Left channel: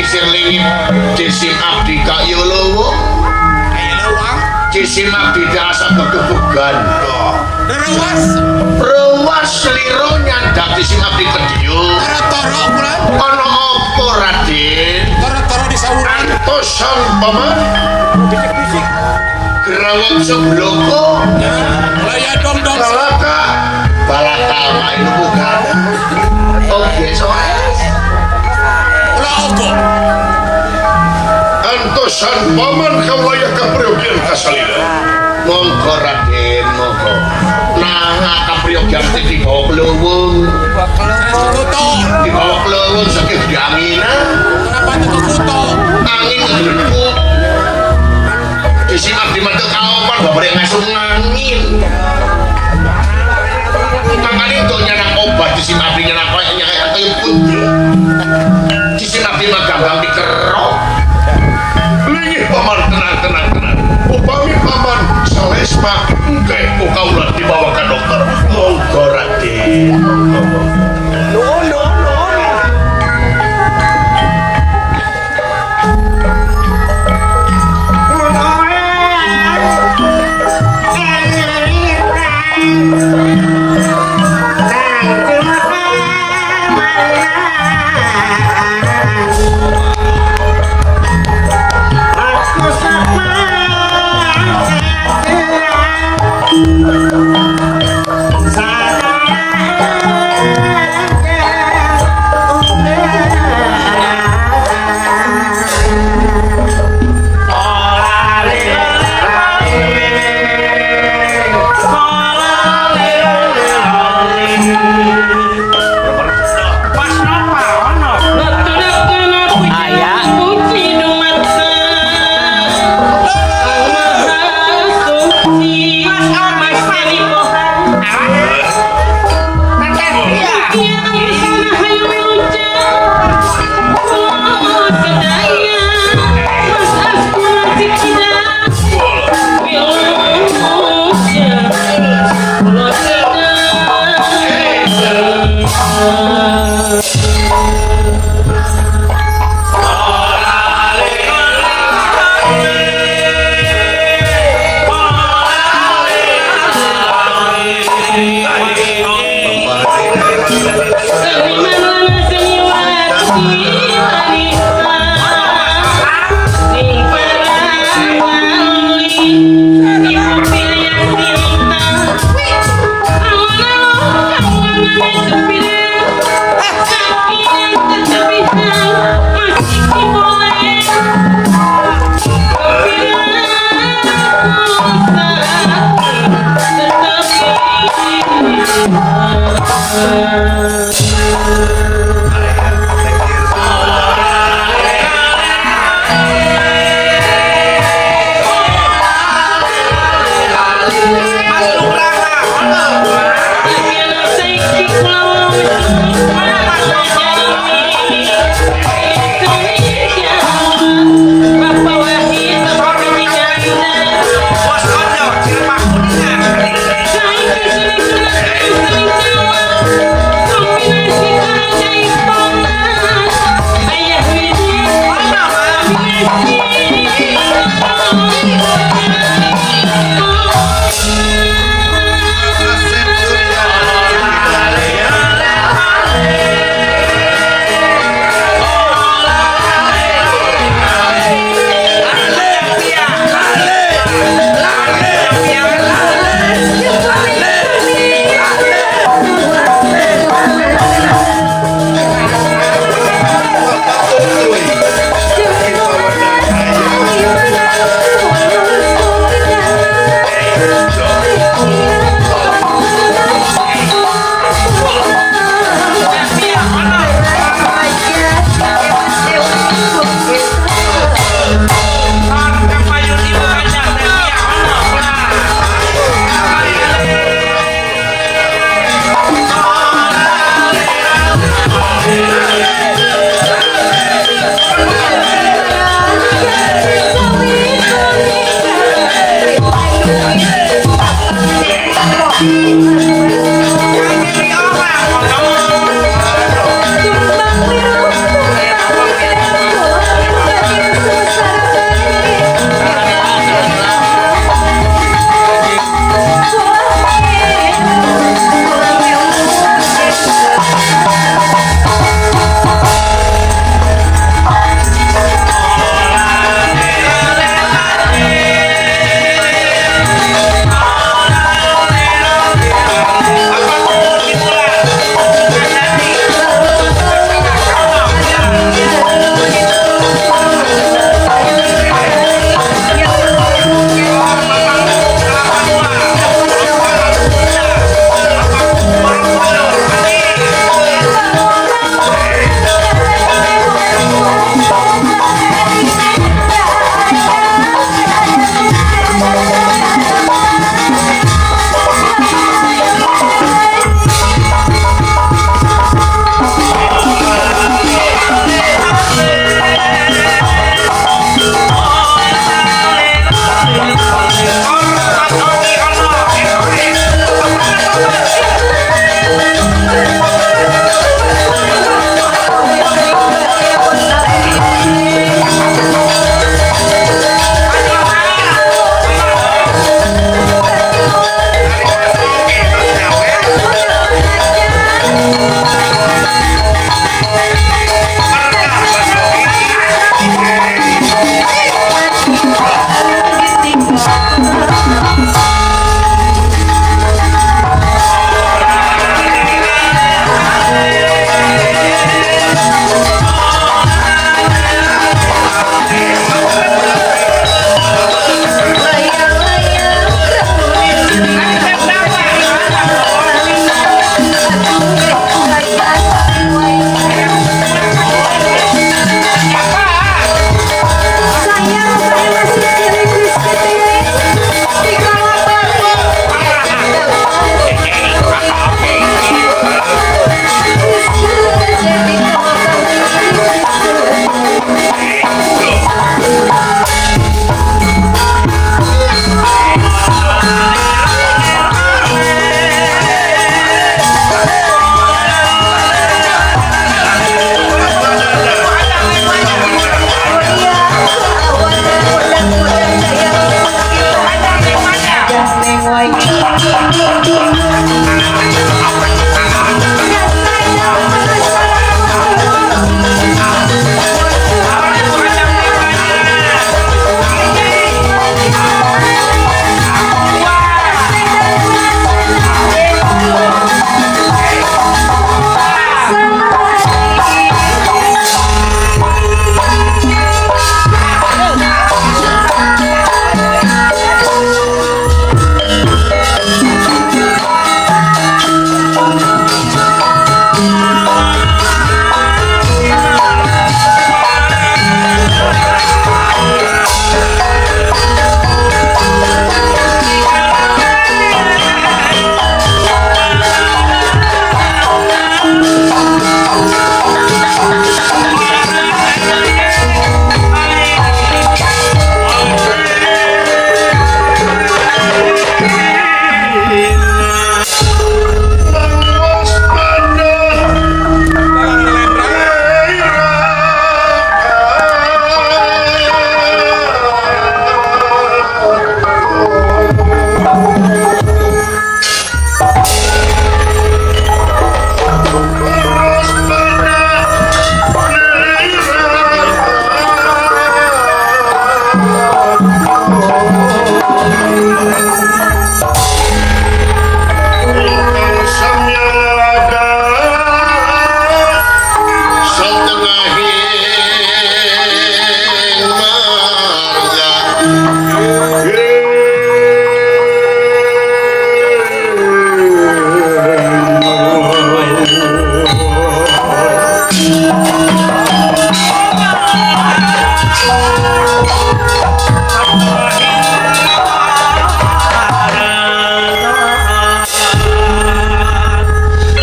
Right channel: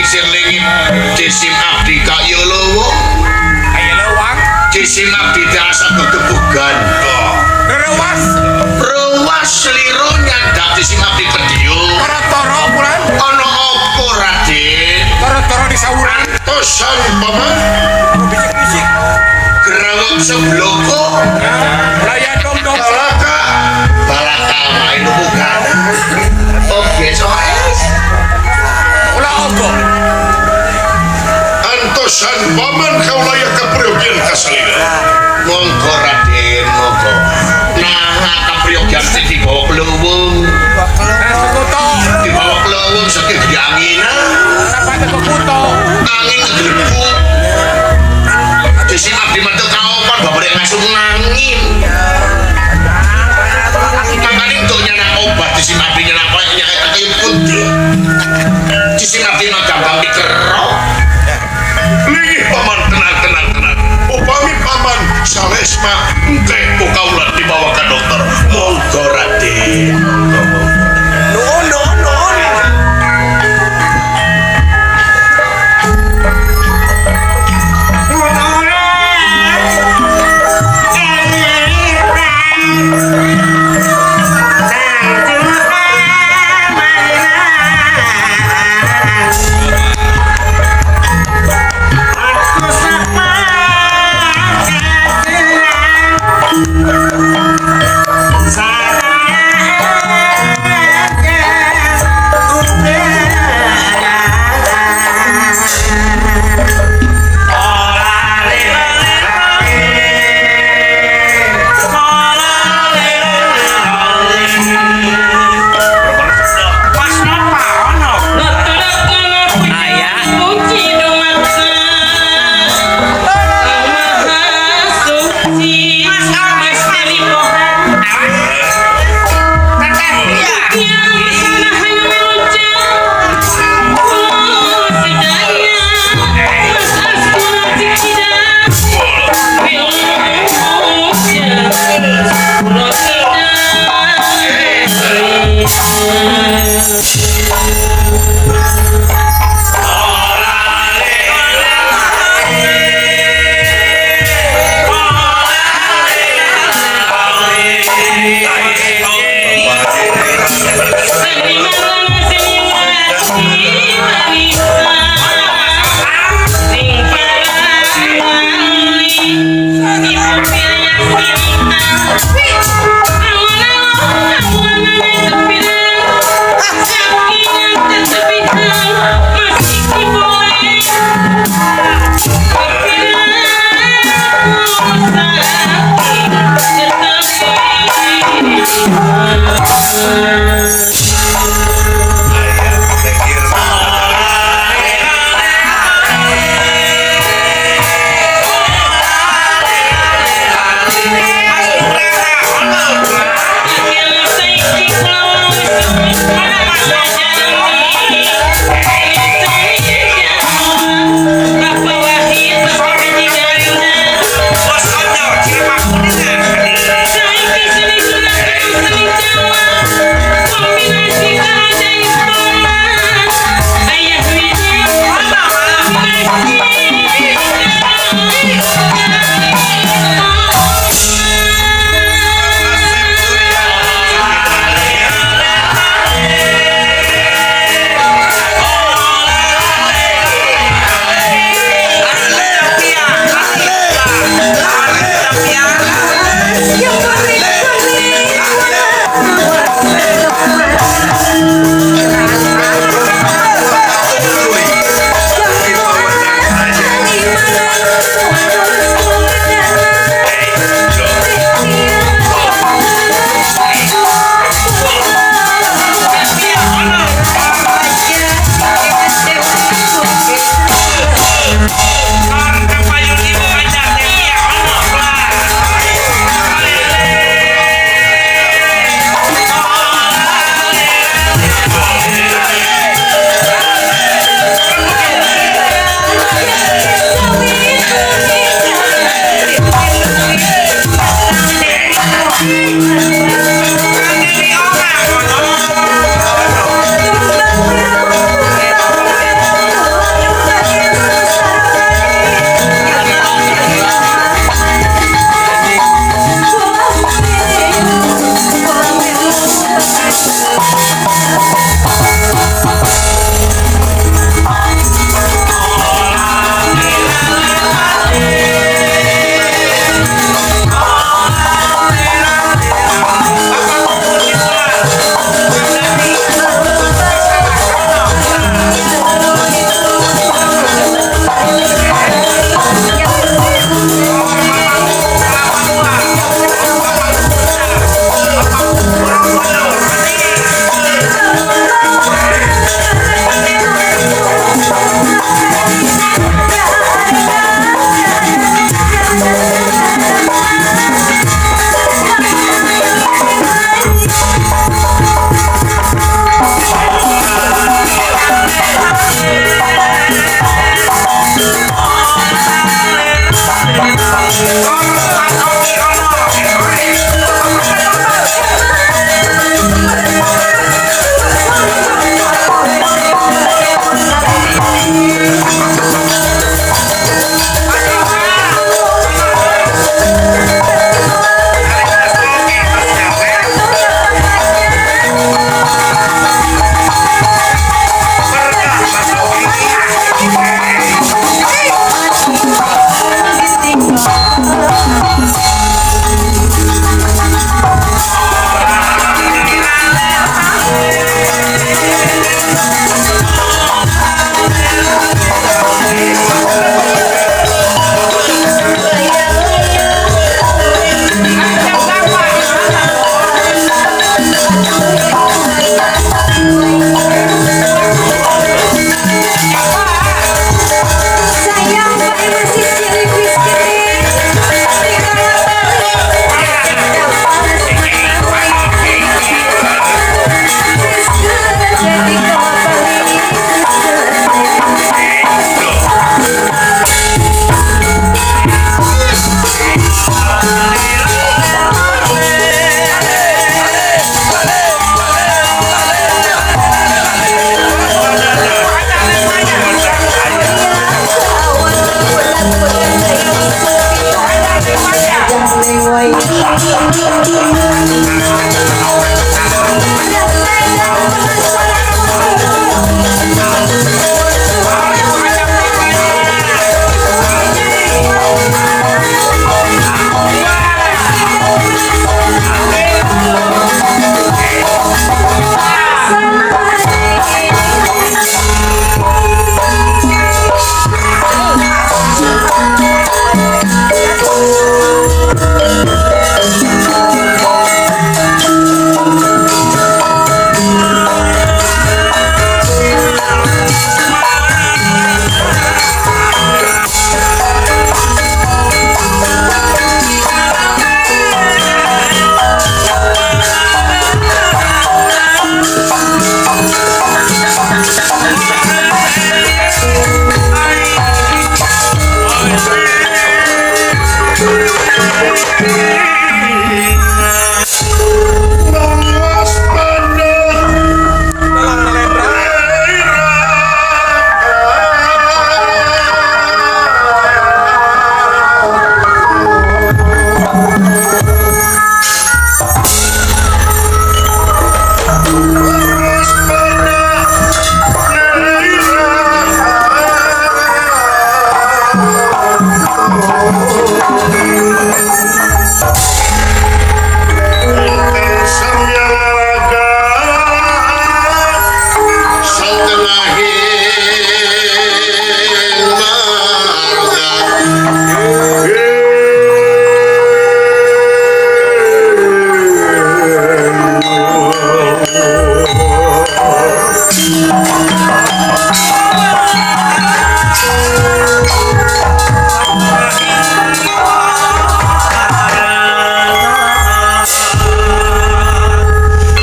sing lingip jisim abdi kak yo lowo ayo lewang jisim abdi terasa kegebugan ruas liru nyandak jisim abdi kediyo toro bulan ono opo raden toro di saluran antosan paman bisik-bisik gerawang sebloko gaya dom-dom balaka main bukan oke soal ulah opo antosan paman kau layak kepriogian kasalina mongko raden mongko nah kepriogian di bawah pelubung di bawah pelubung sakit di anginan kapan kok kuto angin ngegeliput di sini abdi mantu kaopan bapak yang ngasuh angin makanya untuk nyanak obat di sini abdi nyanak kayu putih di sini abdi mah gampang dikerok lih paman tenang upami paman salesma ente ukaulah dibawa ke dokter monggo raden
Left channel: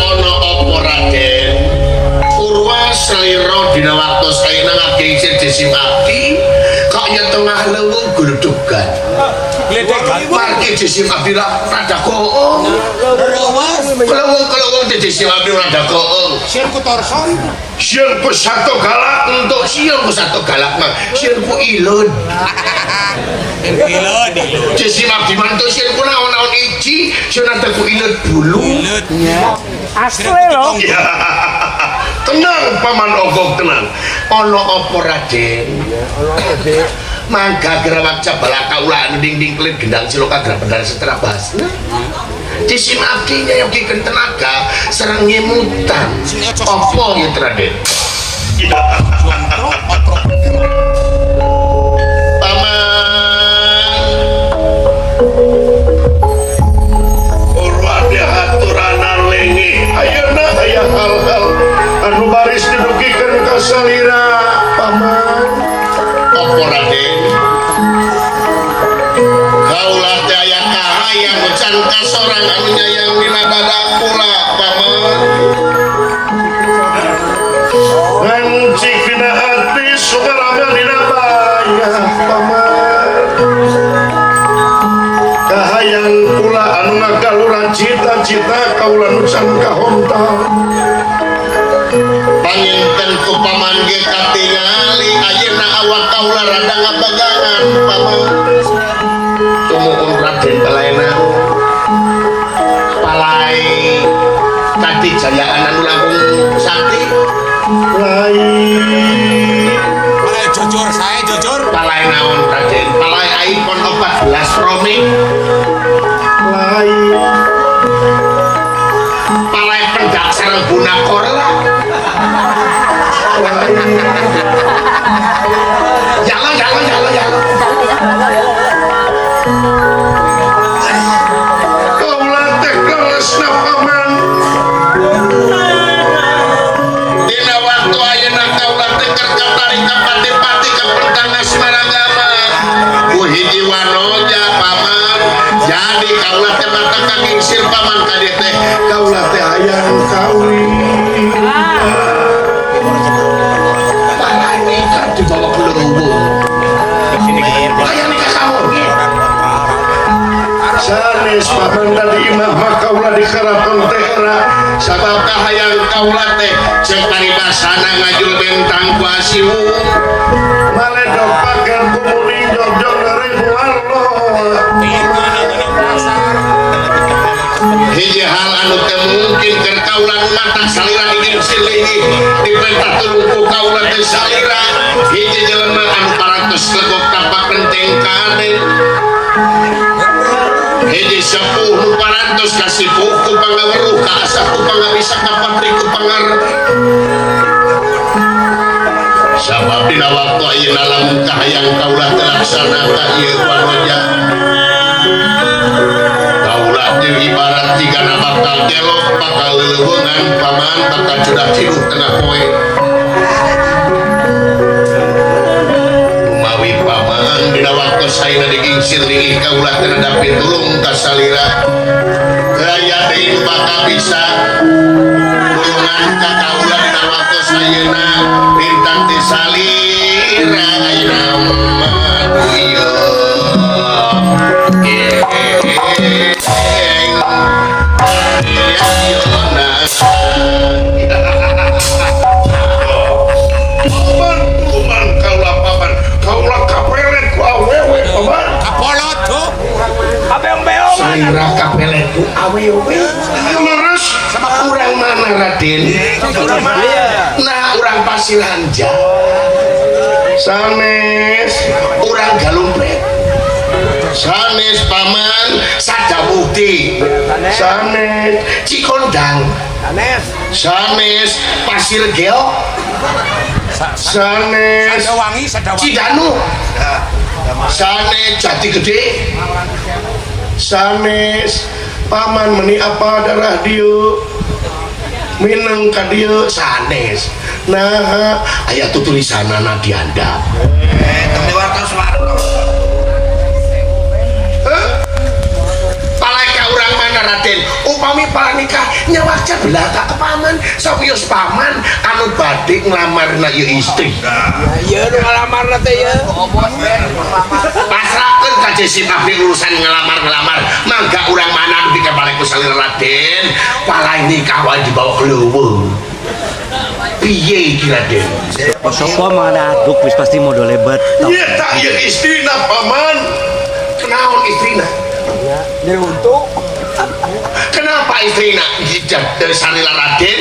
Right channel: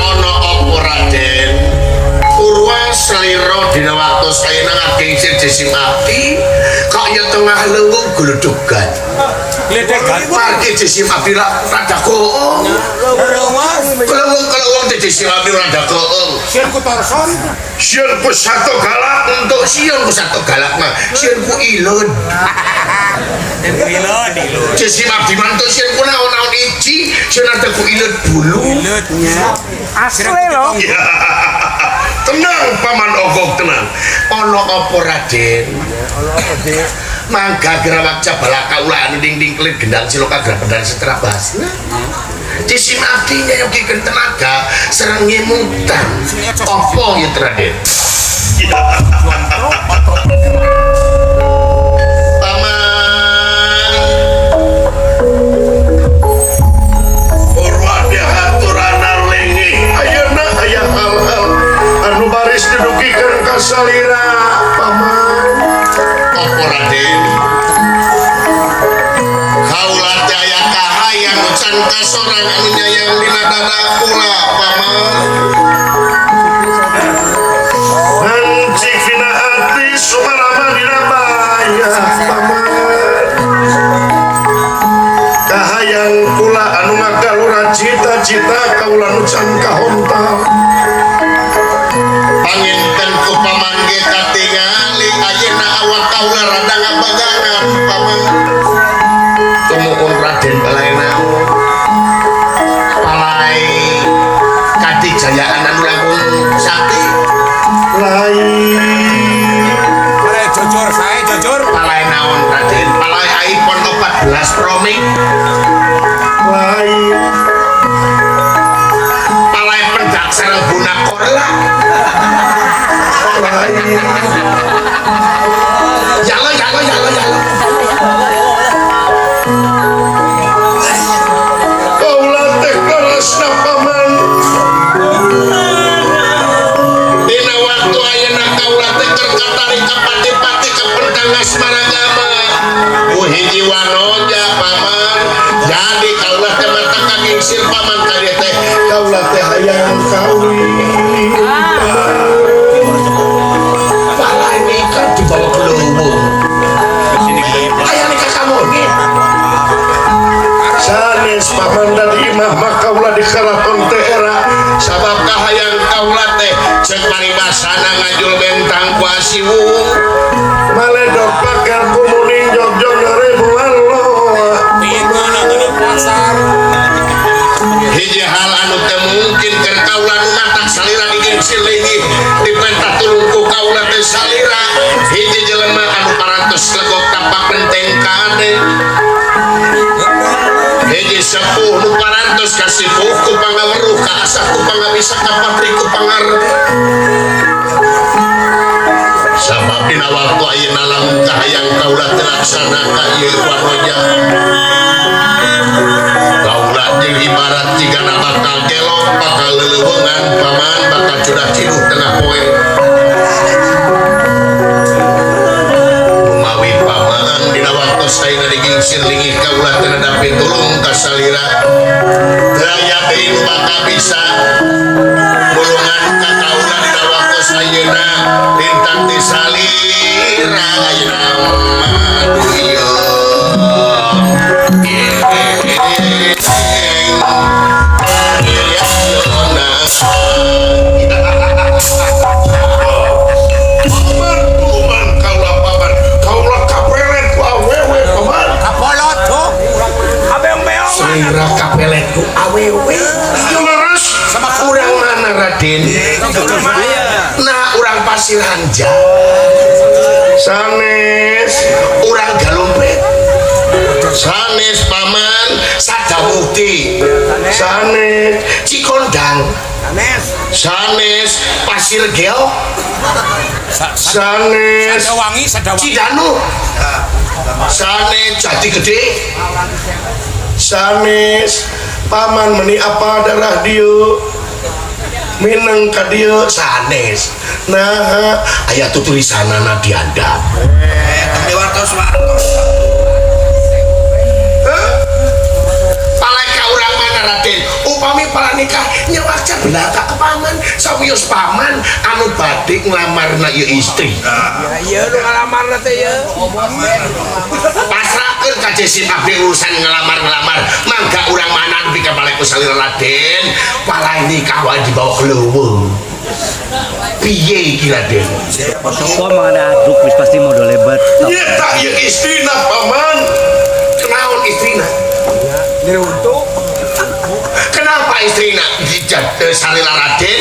Ana apa Raden? Purwa selira dina waktu saya ngake isir desi mati kok tengah lewung guludugan. Marke desi mati rada koong. Kelewung desi mati rada koong. Sirku torson. Sirku satu galak untuk sirku satu galak mah sirku ilun. Desi mati mantu sirku naon-naon iji sirku ilun bulu. Asli loh. Ya. Tenang paman ogong tenang. Ono apa Raden? Mangga gerawak cabalaka ulah ding kelit gendang siloka gerabendang setelah bahas. Disim abdinya yang bikin tenaga serang nyemutan. Apa ya Raden? Paman Purwada aturana lengi. Ayo nak aya hal-hal anu baris dudukikeun ka salira paman. Apa Raden? Kaulah daya kahayang can kasorang anu nyayang dina dada kula paman. Ngan cikina hati sumarama dina baya paman. Kahayang kula anu magalura cita-cita kaula nu can kahontal. Panginten ku paman ge katingali ayeuna awak kaula rada ngabagangan paman. Tumuhun Raden balaena. Palai kadijayaan anu langkung sakti. Jujur, saya jujur. Palai naon Raden? Palai iPhone 14 Pro Max. Palai pendak sareng guna korla. Jalo. Kaulah teh kelasna paman. Dina waktu ayeuna kaulah teh keur katarik ka pati-pati ka pendang asmaragama. Ku hiji wanoja paman. Jadi kaulah teh mata kagingsir paman ka dieu teh. Kaulah teh hayang kawin. Palane kan dibawa pelubung. Layani ka kamu gitu. Sanes paman dari imah makaulah dikalapun teh era sabab kahayang kaulah teh ceuk paribasana ngajul bentang ku asiwung maledog pakan kumuning jorjor rebulallo hiji hal anu teh mungkin keur kaulah nu matak salira digengsi leungi dipentah tulung ku kaulah teh salira hiji jelema anu parantos legok tapak penteng kade hiji sepuh nu parantos kasih buku pangaweruh ka asaku pangabisa ka patriku pangar sabab dina waktu ayeuna lamun kahayang kaulah terlaksana ka ieu wanoja kaulah jeung ibarat tigana bakal gelok bakal leuleungan paman bakal cudak ciduh tengah poe umawi paman dina waktu saena digingsir lingih kaulah terhadap pitulung ka salira gaya deui nu bakal bisa golongan ka kaulah dina waktu sayeuna lintang ti salira ayeuna maduyo kaulah kapelet ku awewe paman Kapolot tuh. Abeong-beong. salira kapelet ku awewe leres sama urang mana Raden nah urang Pasiranja sanes urang Galumpet sanes paman Sadamukti sanes Cikondang sanes Pasir Gel sanes Sadawangi. Cidanu sanes Jati Gede sanes paman meni apa ada radio minang kadia sanes. Nah, aya tulisanana diandap. Dewartos. Paleka urang mana Raden, upami palanikah nyawaca belaka paman sawios paman anu badhe nglamarna ieu istri. Iya nu ngalamarna teh ya. Pasrahkeun ka Jesi kabeh urusan ngelamar-ngelamar. Mangga urang manang di kapaleku salira Raden, pala nikah wae dibawa leuweung. Piye iki Raden? Sopo mana aduk wis pasti modal lebat. Nyata ieu istrina paman. Kenaon istrina? Diruntuk. Kenapa istrina dijak salira Raden?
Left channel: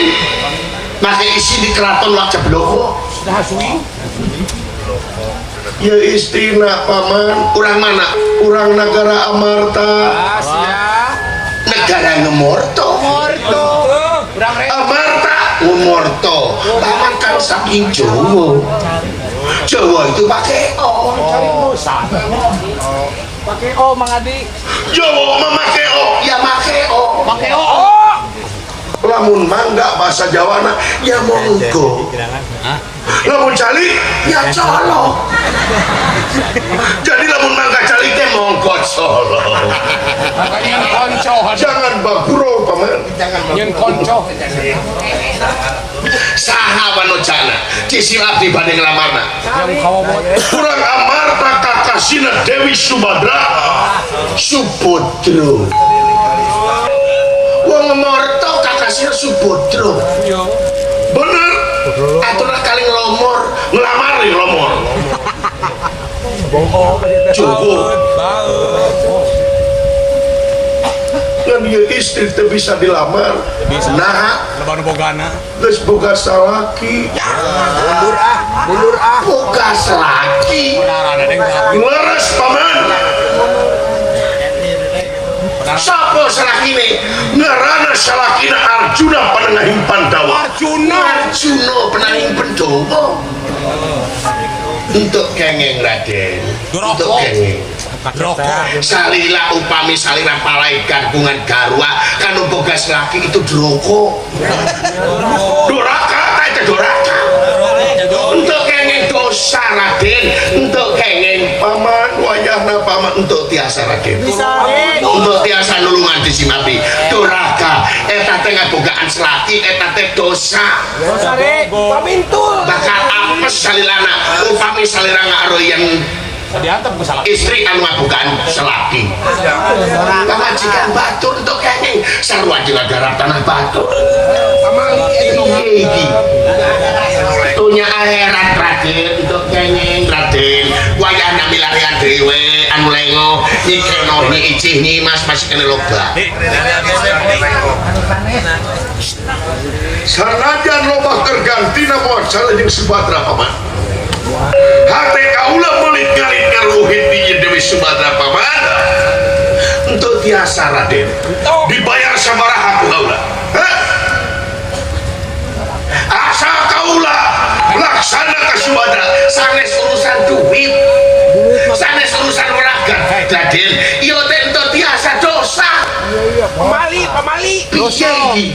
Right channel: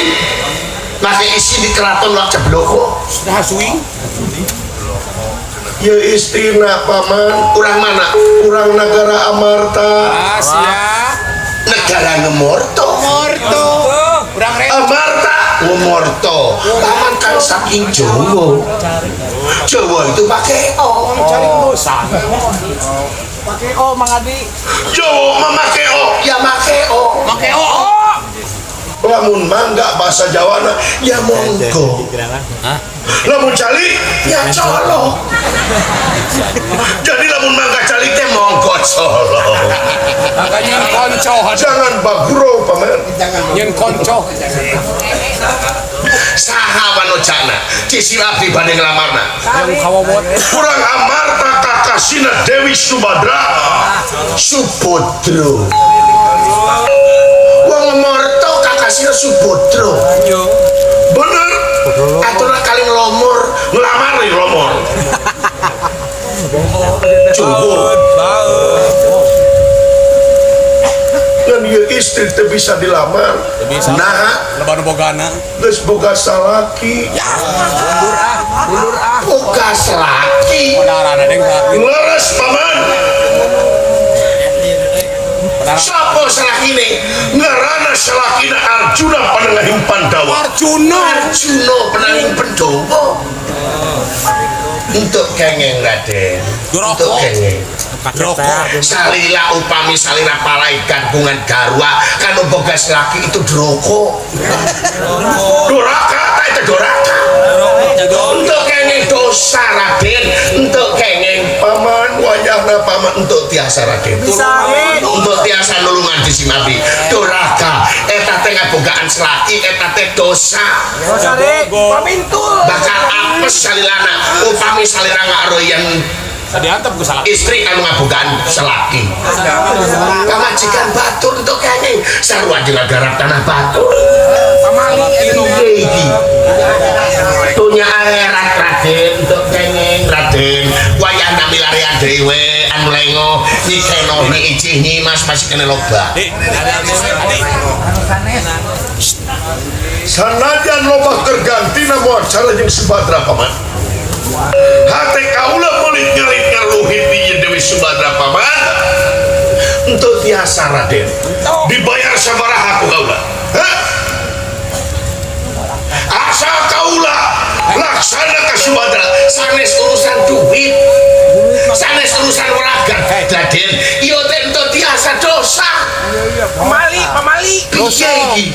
Make isi di keraton lo cebloko. Nah suwi. Ya istrina paman. Urang mana? Urang negara Amarta. Negara Ngomorto. Urang Amarta Ngomorto. Paman kan saking Jawa. Jawa itu pakai O. cari dosa. Pakai O Mang Adi. Jawa memakai O, ya make O. Pakai O. Lamun mangga bahasa Jawana ya monggo. Lamun cali ya colok. Jadi lamun mangga cali teh monggo colok. Makanya yang konco. Jangan baguro paman. Yang konco. Saha wanojana disilap di badhe nglamarna. Yang kawobot. Kurang Amarta kakasina Dewi Subadra Subodro. Wong Morto kakasina Subodro. Bener. Aturna kali ngelomor, ngelamar nih ngelomor. Jowo. Kan dia istri teh bisa dilamar. Nah, Lebar bogana. geus boga salaki. Boga salaki. Darana deng. Leres paman. Sapa salakine? Ngarana salakina Arjuna pananging Pandawa. Arjuna pananging Pandhawa. Untuk kengeng Raden. Untuk kengeng. Salila upami salira palaikan bungan garwa kan boga selaki itu droko. Doraka ta itu doraka. Untuk kengeng dosa Raden, untuk kengeng paman wajahna paman untuk tiasa Raden. Untuk tiasa nulungan disinabi. Doraka eta teh ngabogaan selaki eta teh dosa. Dosa deh. Pamintul. Bakal apes salilana upami salira ngaroyan Diantep ke salah. istri anu ngabogaan selaki. Pamajikan batur untuk kenging sarua jeung garap tanah batur. Pamali piye iki? Dunya akhirat Raden untuk kenging Raden. Wayahna milarian dhewe anu lengo nyikeno ni icih ni Mas masih kene loba. Sanajan loba kergantina moal cara jeung Subadra paman. Hati kaula melit ngalit luhit di Dewi Subadra paman. Untuk tiasa Raden dibayar sabaraha ku kaula. Asal kaula laksana ka Subadra sanes urusan duit, sanes urusan waragan Raden. Ieu teh untuk tiasa dosa. Pamali. Piye iki?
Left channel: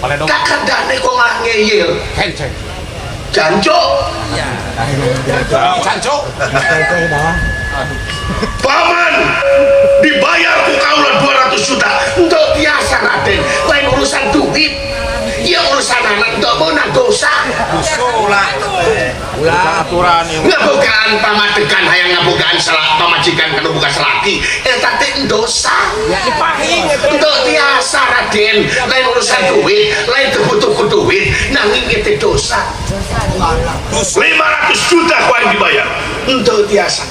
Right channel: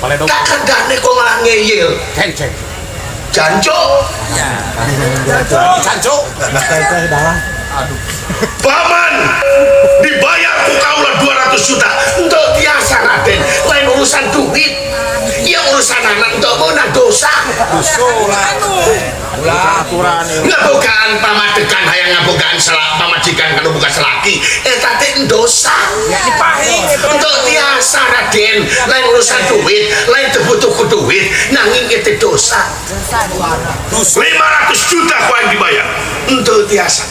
Kakandane kok malah ngeyel. Ceng. Janjo. Canco. Paman dibayar ku kaula 200 juta untuk tiasa Raden. Lain urusan duit. Ya urusan anak untuk menang dosa. Aturan Ngabogaan pamadegan hayang ngabogaan salah pamajikan kanu buka selaki. Eta teh dosa. Untuk tiasa Raden. Lain urusan duit, lain butuh duit, nanging itu dosa. 500 juta kau yang dibayar untuk tiasa.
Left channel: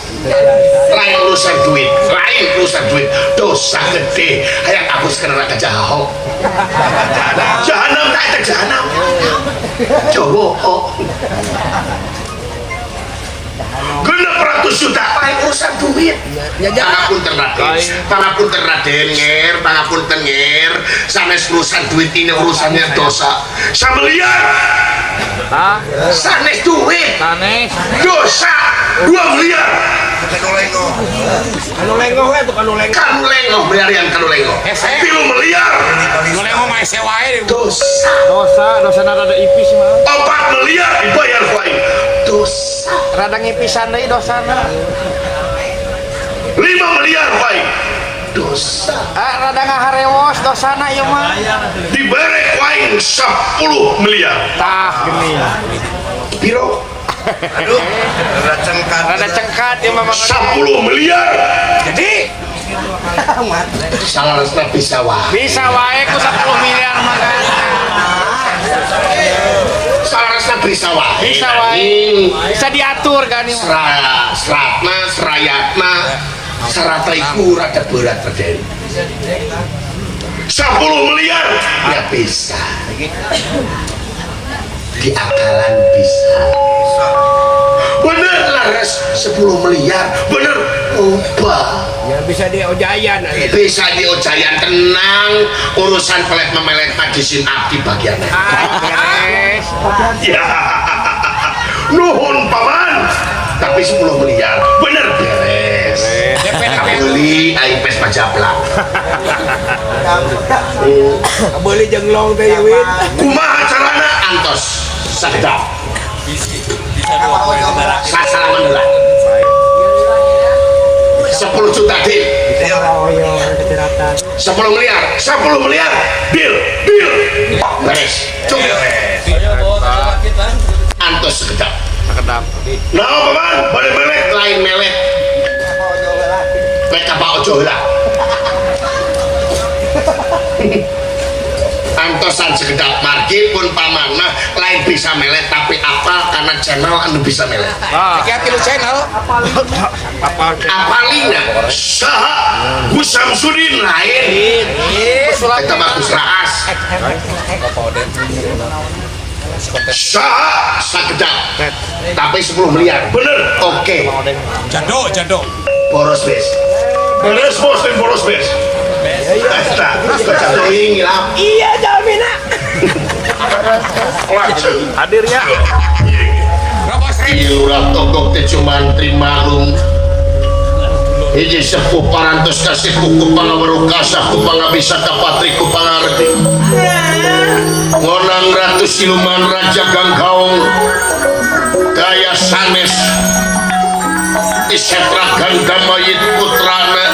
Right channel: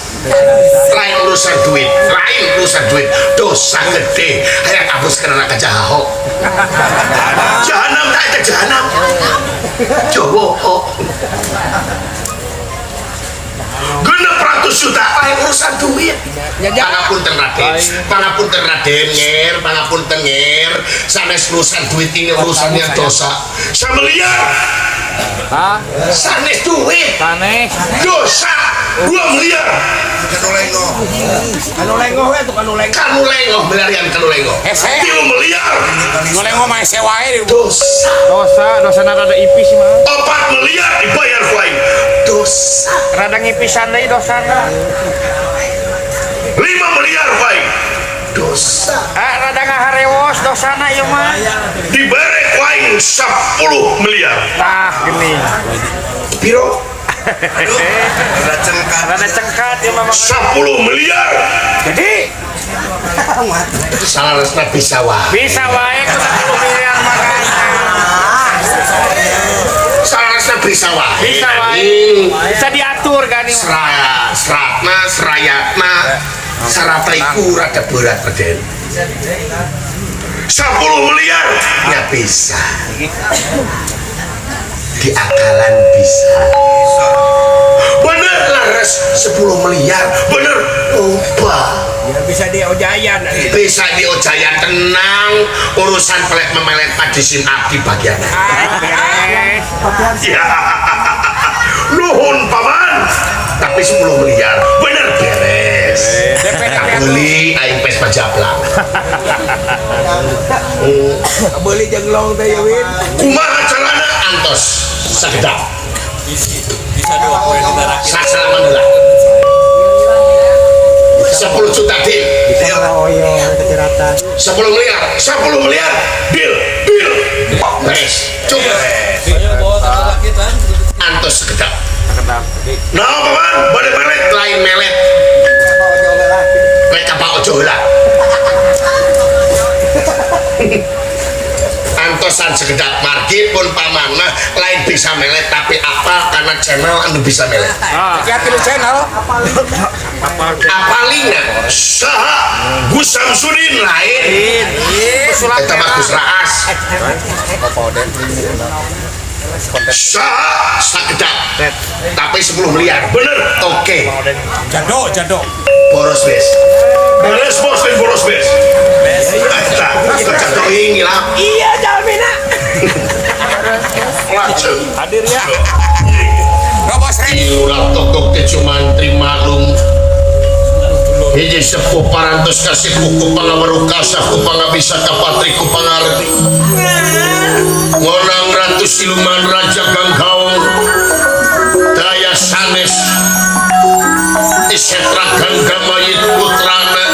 Lain urusan duit, dosa gede. Kayak aku sekarang ke Jaho. Jahanam kayak ke Jahanam. Jawa kok. Genep 100 juta lain urusan duit. Pangapunten Raden nger, pangapunten nger. Sanes urusan duit ini urusannya dosa. Samelia. Sanes duit. Sanes Dosa. 2 miliar. Kanu lengoh we tuh kanu lengoh. Kanu lengoh miliaran kanu lengoh. 3 miliar. Boleh ngomong sewae Dosa rada ipis mah. 4 miliar dibayar ku aing. Dosa. Rada ngipisan deui dosana. 5 miliar ku aing. Dosa. Rada ngaharewos dosana ieu mah. Dibere ku aing 10 miliar. Tah geuning. Piro? Rada cengkat ieu mah 10 miliar. Jadi Salarasna bisa wae. bisa wae ku 10 miliar makanya. Salarasna bisa wae. Bisa wae. Bisa diatur kan ieu. Seratna, serayatna, sarataiku rada berat Raden. 10 miliar ya bisa. Di akalan bisa. Bener laras 10 miliar. Bener oba. Ya bisa diojayan. Bisa diojayan tenang. Urusan pelet memelet padisin abdi bagian. Beres. Ya. Nuhun paman. Tapi 10 miliar. Bener beres. Kabuli aing pes pajablang. Beli jenglong teh Win. Kumaha carana antos sagedap. Sasaran belah. 10 juta deal. 10 miliar. 10 miliar. Deal. Beres. Cukup. Antos segedap. Kedap. Nah, paman, balik-balik lain melet. Lek apa ojo heula. Antosan segedap margi pun pamanna lain bisa melet tapi apa karena channel anu bisa melet. hati-hati lu channel Apalina saha Gus Samsudin lain. Pesulap Eta mah merah. Gus Raas. Saha sagedap. Tapi 10 miliar. Bener. Oke. jado Boros bes. Beres bos dan boros bes. Eta kecatoing ngilap. Iya jalmina. hadir ya berapa sering Iurat togok teh cuman terima lum. Hiji sepuh parantos kasih kuku pangawarukasa ku pangabisa kapatri ku pangarti. Ngonang ratu siluman raja gangkaung. Daya sanes disetra ganda mayit putrana.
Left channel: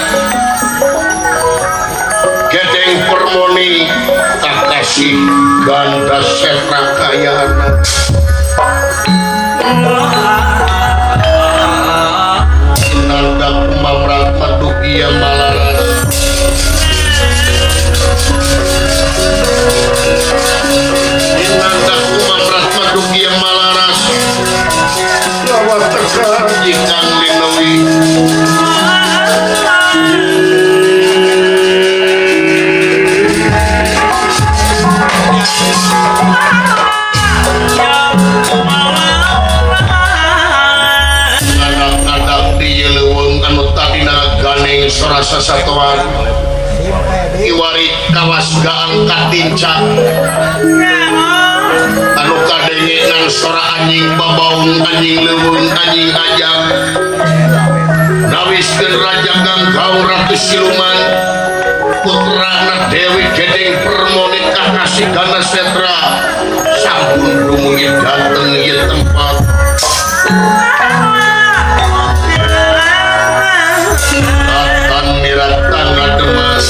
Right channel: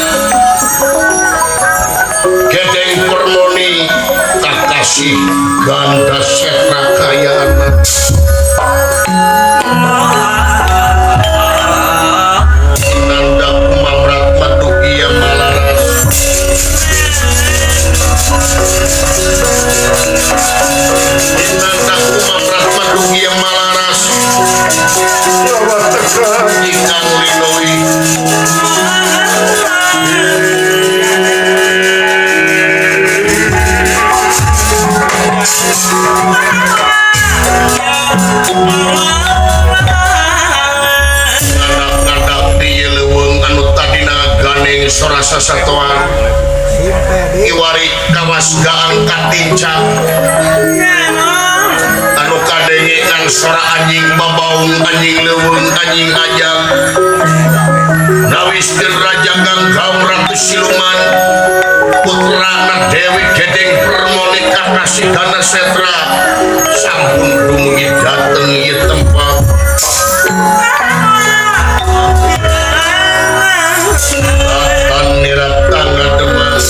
Gedeng permoni kakasih ganda setra kaya anak. Nanda kumamrat madugia malaras. Nanda kumamrat madugia malaras. Rawat tekan ikan linoi. Ngadap-ngadap di leuweung anu tadina ganeng sorasa satoan. Iwari kawas gaangkat tincak. Anu kadenge nang sora anjing babaung anjing leuweung anjing ajam. Nawiskeun raja gangkaung ratu siluman. Putrana Dewi Gedeng Permoni kakasih gana setra. Sampun dumugi dateng ieu tempat. Akan nirat tangga demas.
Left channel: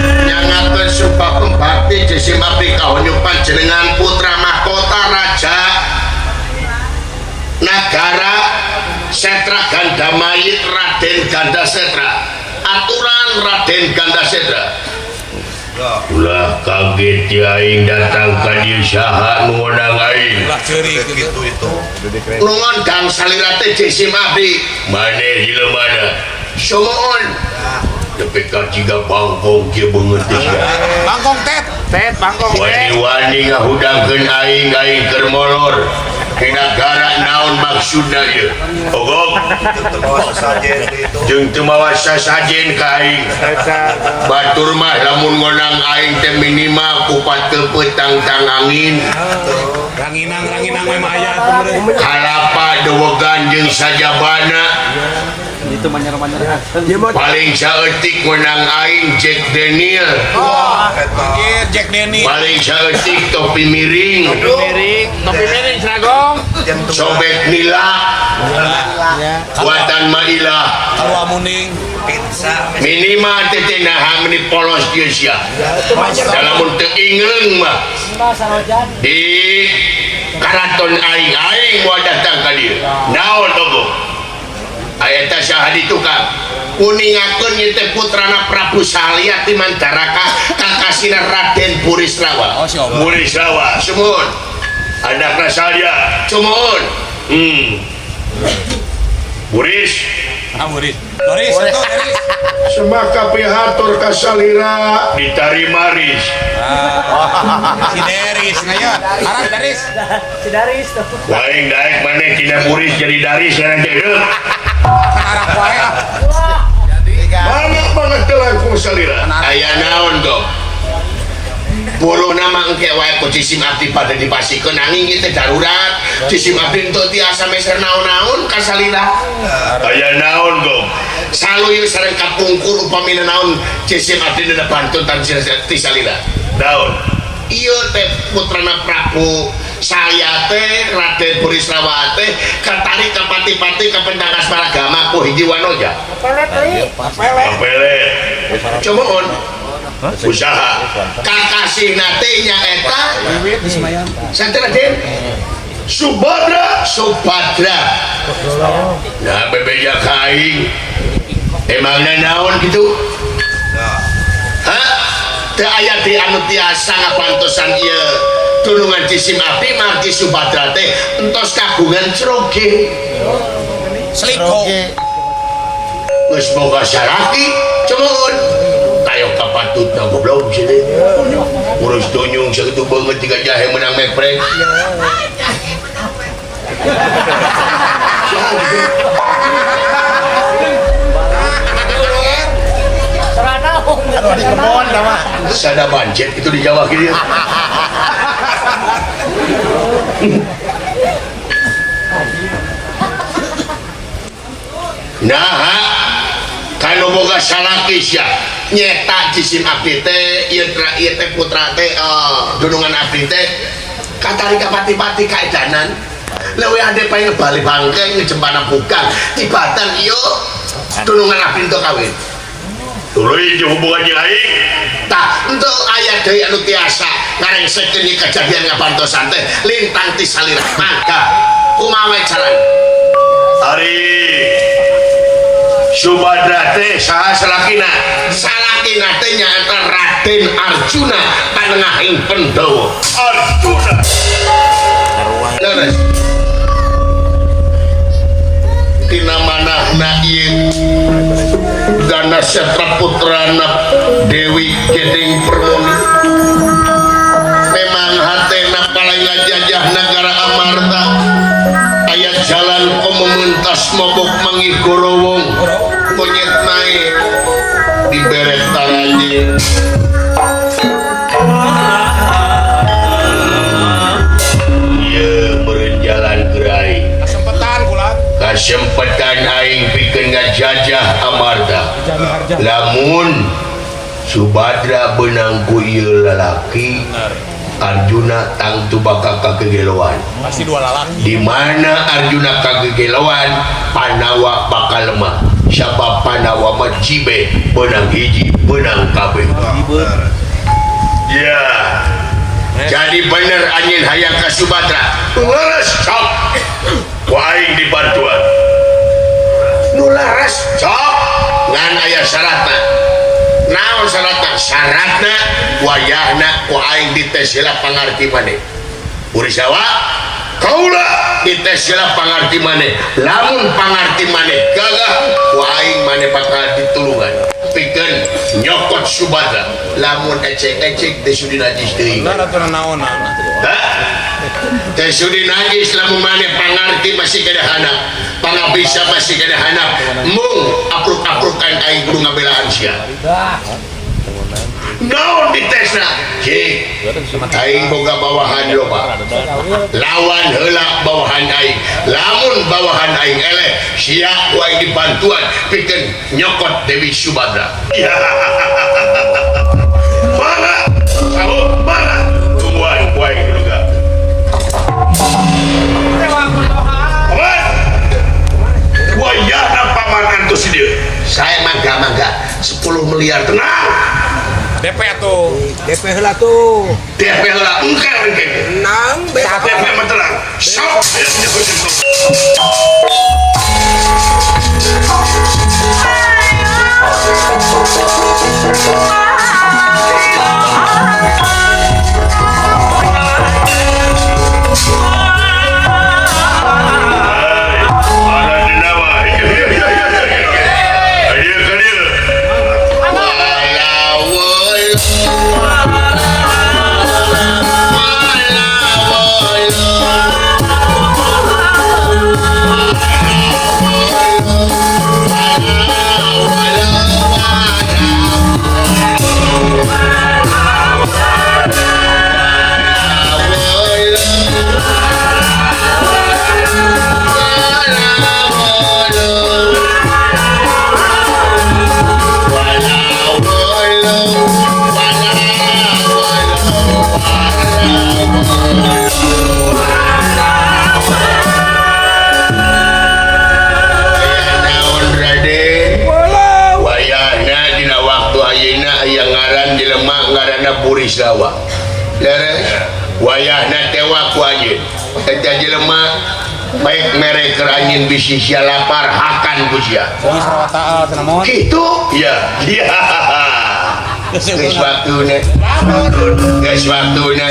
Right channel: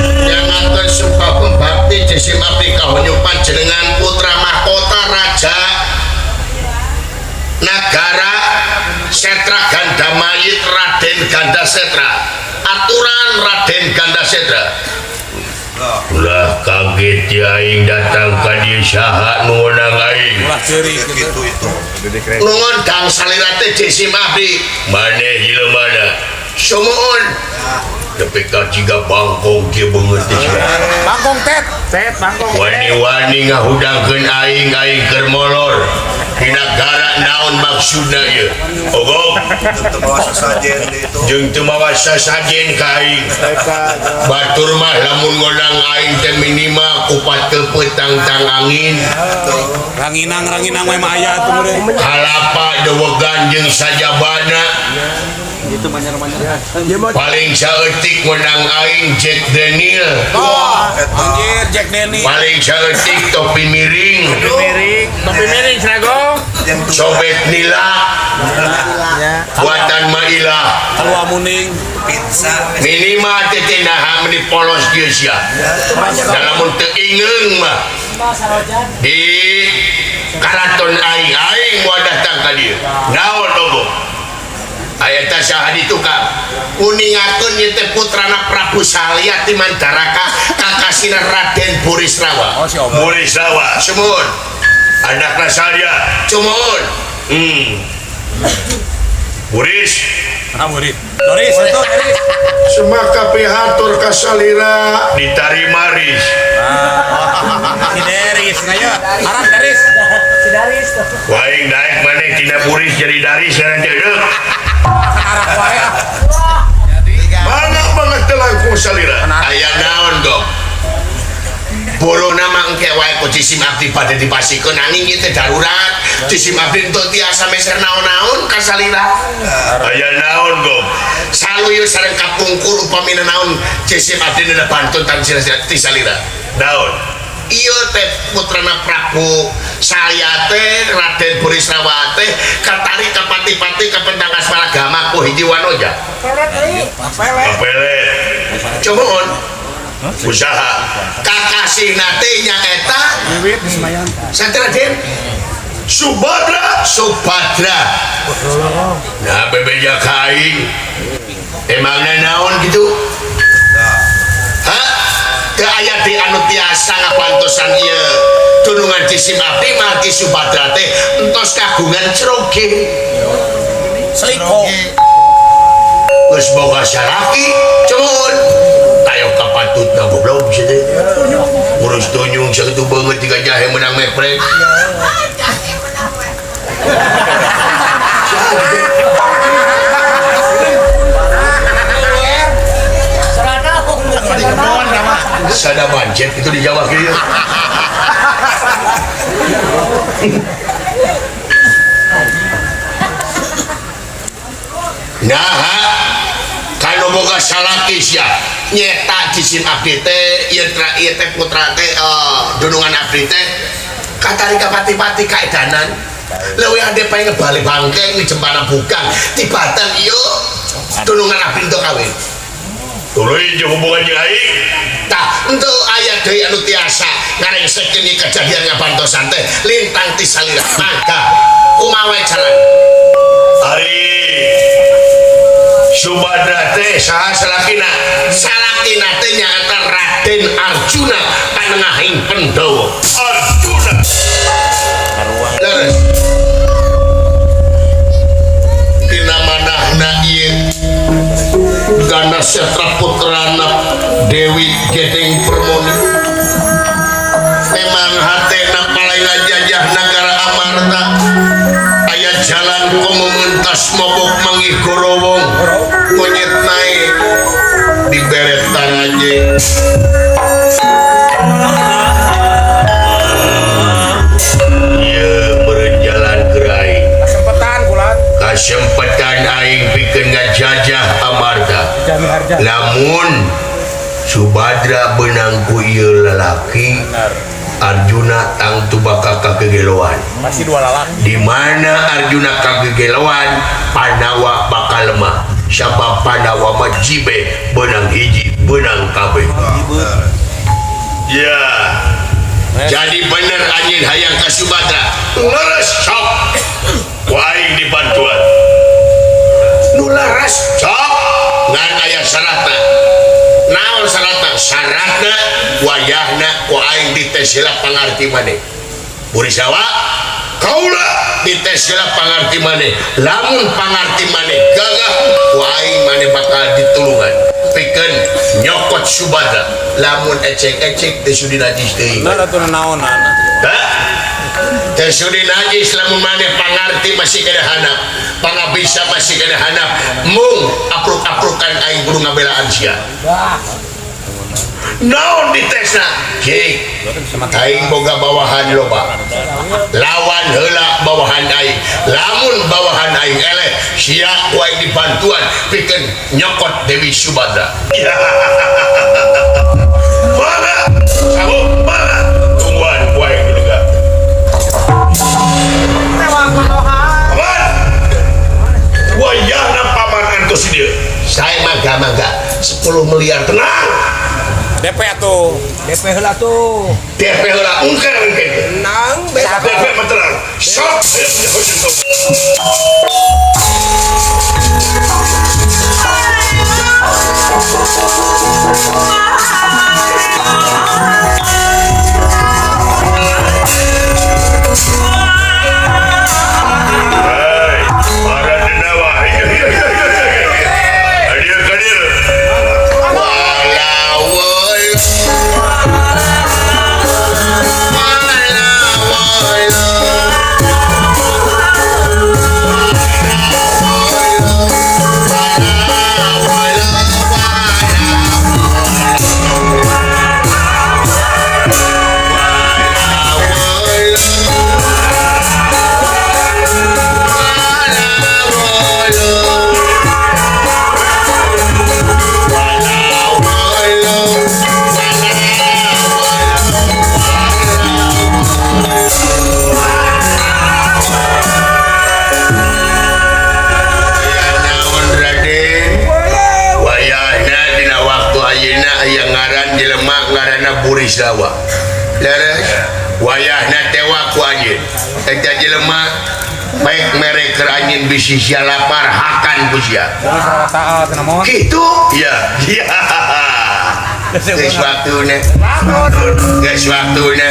Nyangakeun sumpah pembakti jisim abdi kahonyupan jenengan putra mahkota raja Nagara Setra Gandamayit Raden Ganda Setra. Aturan Raden Ganda Setra. Ulah kaget ya aing datang ka dieu saha nuhun aing. ulah ceurik Nuhun dang salira teh jisim abdi. Maneh jileumana. Sumuhun. tapi jika bangkong dia mengerti Bangkong tet. Tet bangkong tet. wani-wani ngahudangkeun aing keur molor di negara naon maksudna ieu ogok jeung teu mawa sasajen ka aing batur mah lamun ngonang aing teh minimal kupat teu petang-tang angin Ranginang we mah aya atuh meureun. halapa dewegan jeung sajabana paling saeutik ngonang aing Jack Daniel Anjir Jack Denny. paling saeutik topi miring Topi miring seragong. sobek nila Ya. buatan Maila Kalua muning. minimal teh nah meni polos dia sia dalam untuk ingeung mah di karaton aing wadah datang ka dieu naon ogo aya teh saha di tukang kuningakeun ieu teh putrana Prabu Salya ti Mandaraka kakasina Raden Burisrawa. Oh, si Om. Burisrawa sumuhun anakna Salya sumuhun Buris Murid. Doris itu Doris. semaka pihatur kasalira ditarima ris Si Deris ngaya. Arah Deris. waing daek maneh tina Buris jadi daris nanti deuk Arah wae. mana banget langkung salira aya naon dong bolo nama engke wae ku cisim abdi pada dipasikeun angin ieu teh darurat cisim abdi teu tiasa meser naon-naon ka salira aya naon dong saluyu sareng kapungkur upamina naon cisim abdi na bantun tan ti salira naon ieu teh putrana Prabu saya teh Raden Burisrawa teh katarik ka pati-pati ka pendangas paragama ku hiji wanoja pelet coba usaha kakasih nate nya eta Raden Subadra nah bebeja kaing emangna naon gitu hah teu aya di anu tiasa ngapantosan ieu tulungan cisim abdi margi Subadra teh entos kagungan ceroge Seiko. geus boga saraki cumun tayo kapatutna goblok bisa teh urus tunyung sakitu beungeut tiga jahe menang mepret sada pancet itu di Jawa kieu nah kalau boga salaki sia nyeta cisim abdi teh ieu teh putra teh dunungan abdi teh katari ka pati-pati kaedanan leuwih ade pae balik bangke ngejempana buka tibatan ieu dunungan abdi teu kawin tuluy jeung hubungan jeung aing tah henteu aya deui anu tiasa ngarengskeun ieu kejadian ngapantosan teh lintang ti salira maka kumaha carana ari Subadra teh saha salakina teh nyaeta Raden Arjuna panengahing Pandhawa Arjuna leres dina manahna ieu Ganasatra putrana Dewi Gedeng Permoni memang hatena paling ngajajah negara Amarta aya jalan ku mementas mabuk manggih gorowong monyet naik di beret tangannya iya berjalan gerai Kesempatan kulat. kesempatan aing pikeun ngajajah Amarta lamun Subadra benang ku ieu lalaki Arjuna tangtu bakal kagegeloan Pasti dua lalaki. di mana Arjuna kagegeloan Panawa bakal lemah siapa Panawa mah jibe benang hiji benang kabeh ya jadi bener anjing hayang ka Subadra leres sok ku aing dibantuan nu leres sok ngan aya syaratna naon syaratna wayahna ku aing ditesilah pangarti maneh Burisrawa kaula dites lah pangarti maneh lamun pangarti maneh gagah waing maneh bakal ditulungan pikeun nyokot Subada lamun ecek-ecek teh sudi najis teuing Nah, ratu naonan. teh sudi najis lamun maneh pangarti masih kada handap pangabisa masih kada handap mung apruk-aprukan aing kudu ngabelaan sia naon ditesna cik aing boga bawahan loba lawan heula bawahan aing lamun bawahan aing eleh sia wae dibantuan pikeun nyokot Dewi Subada ya mana kamu mana tungguan wae juga wayahna paman entos dia saya mangga 10 miliar tenang DP atuh. DP heula tuh. DP lah engke Nang DP mah tenang sok Burisawa leres wayahna tewa ku anjeun eta jelema baik mere keur anjeun bisi sia lapar hakan ku sia Taat namun. kitu ya ya geus waktuna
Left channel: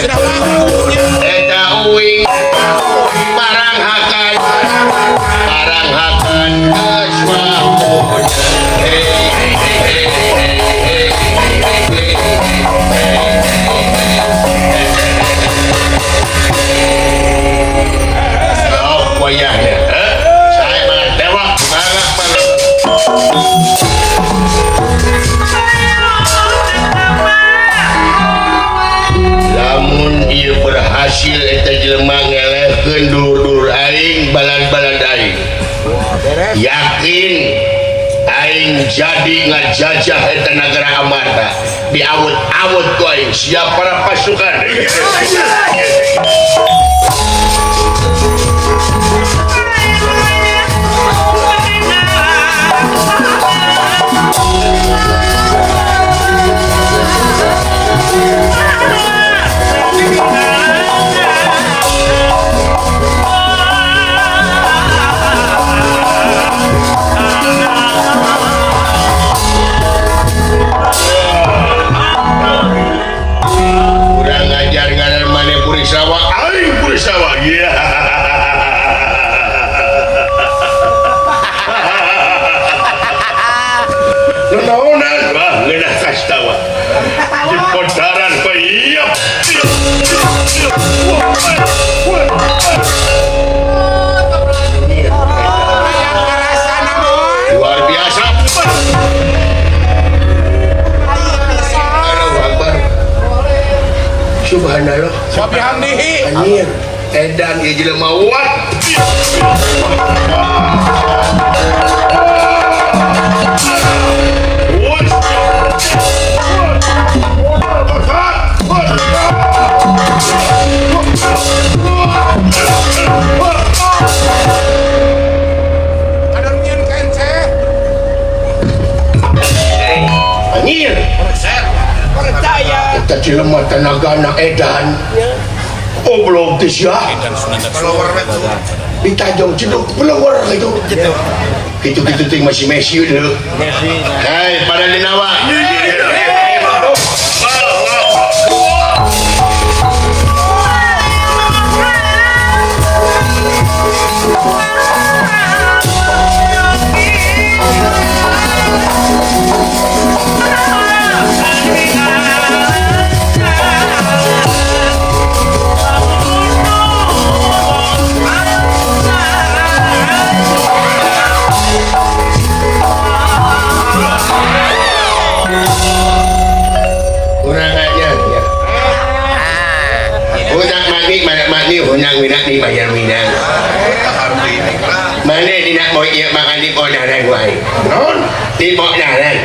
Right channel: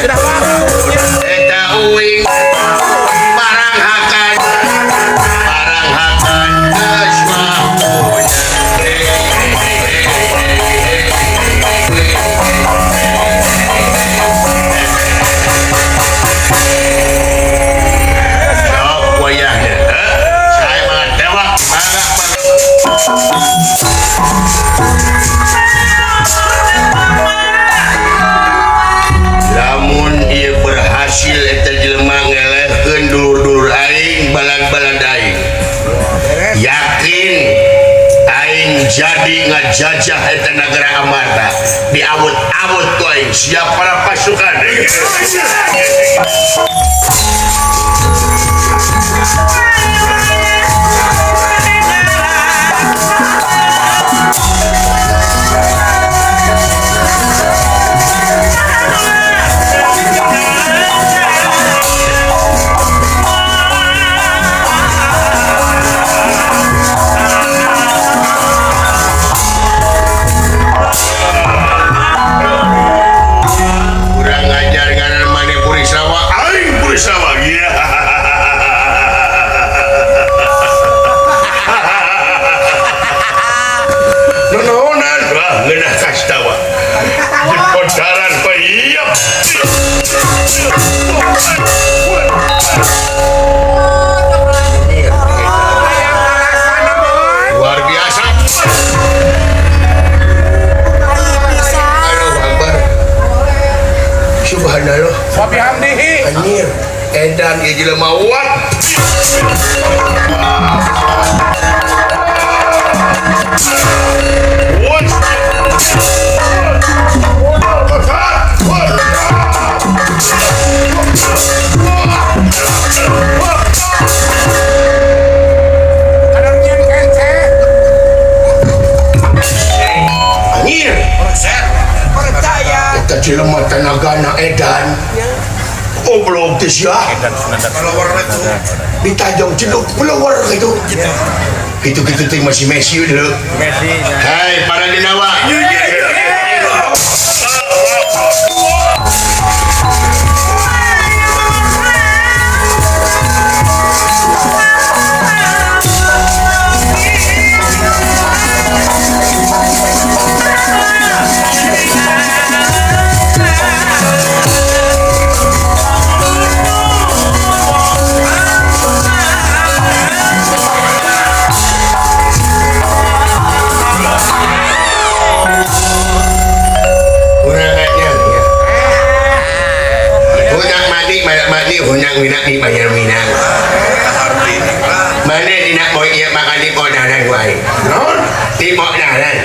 eta uing parang hakan geus waktuna lamun ieu berhasil eta jelema ngelehkeun dur-dur aing balad-balad aing yakin aing jadi ngajajah eta nagara Amarta diawut-awut ku aing siap para pasukan kurang ajar ngaran maneh Burisawa aing Burisawa ya nononan wah ngeunah kastawa di pondaran iya luar biasa Allahu Akbar subhanallah Sopihan nih. anjir edan ieu jelema wat anjir kita jelema tenagana edan oblong teh sia Dan sunandak ditajong ceduk blower gitu gitu ting masih Messi dulu Messi. hai para dinawa mak ni hunang minang ni bayar minang. Mana tidak mau ia makan di modalan guai. Non di modalan.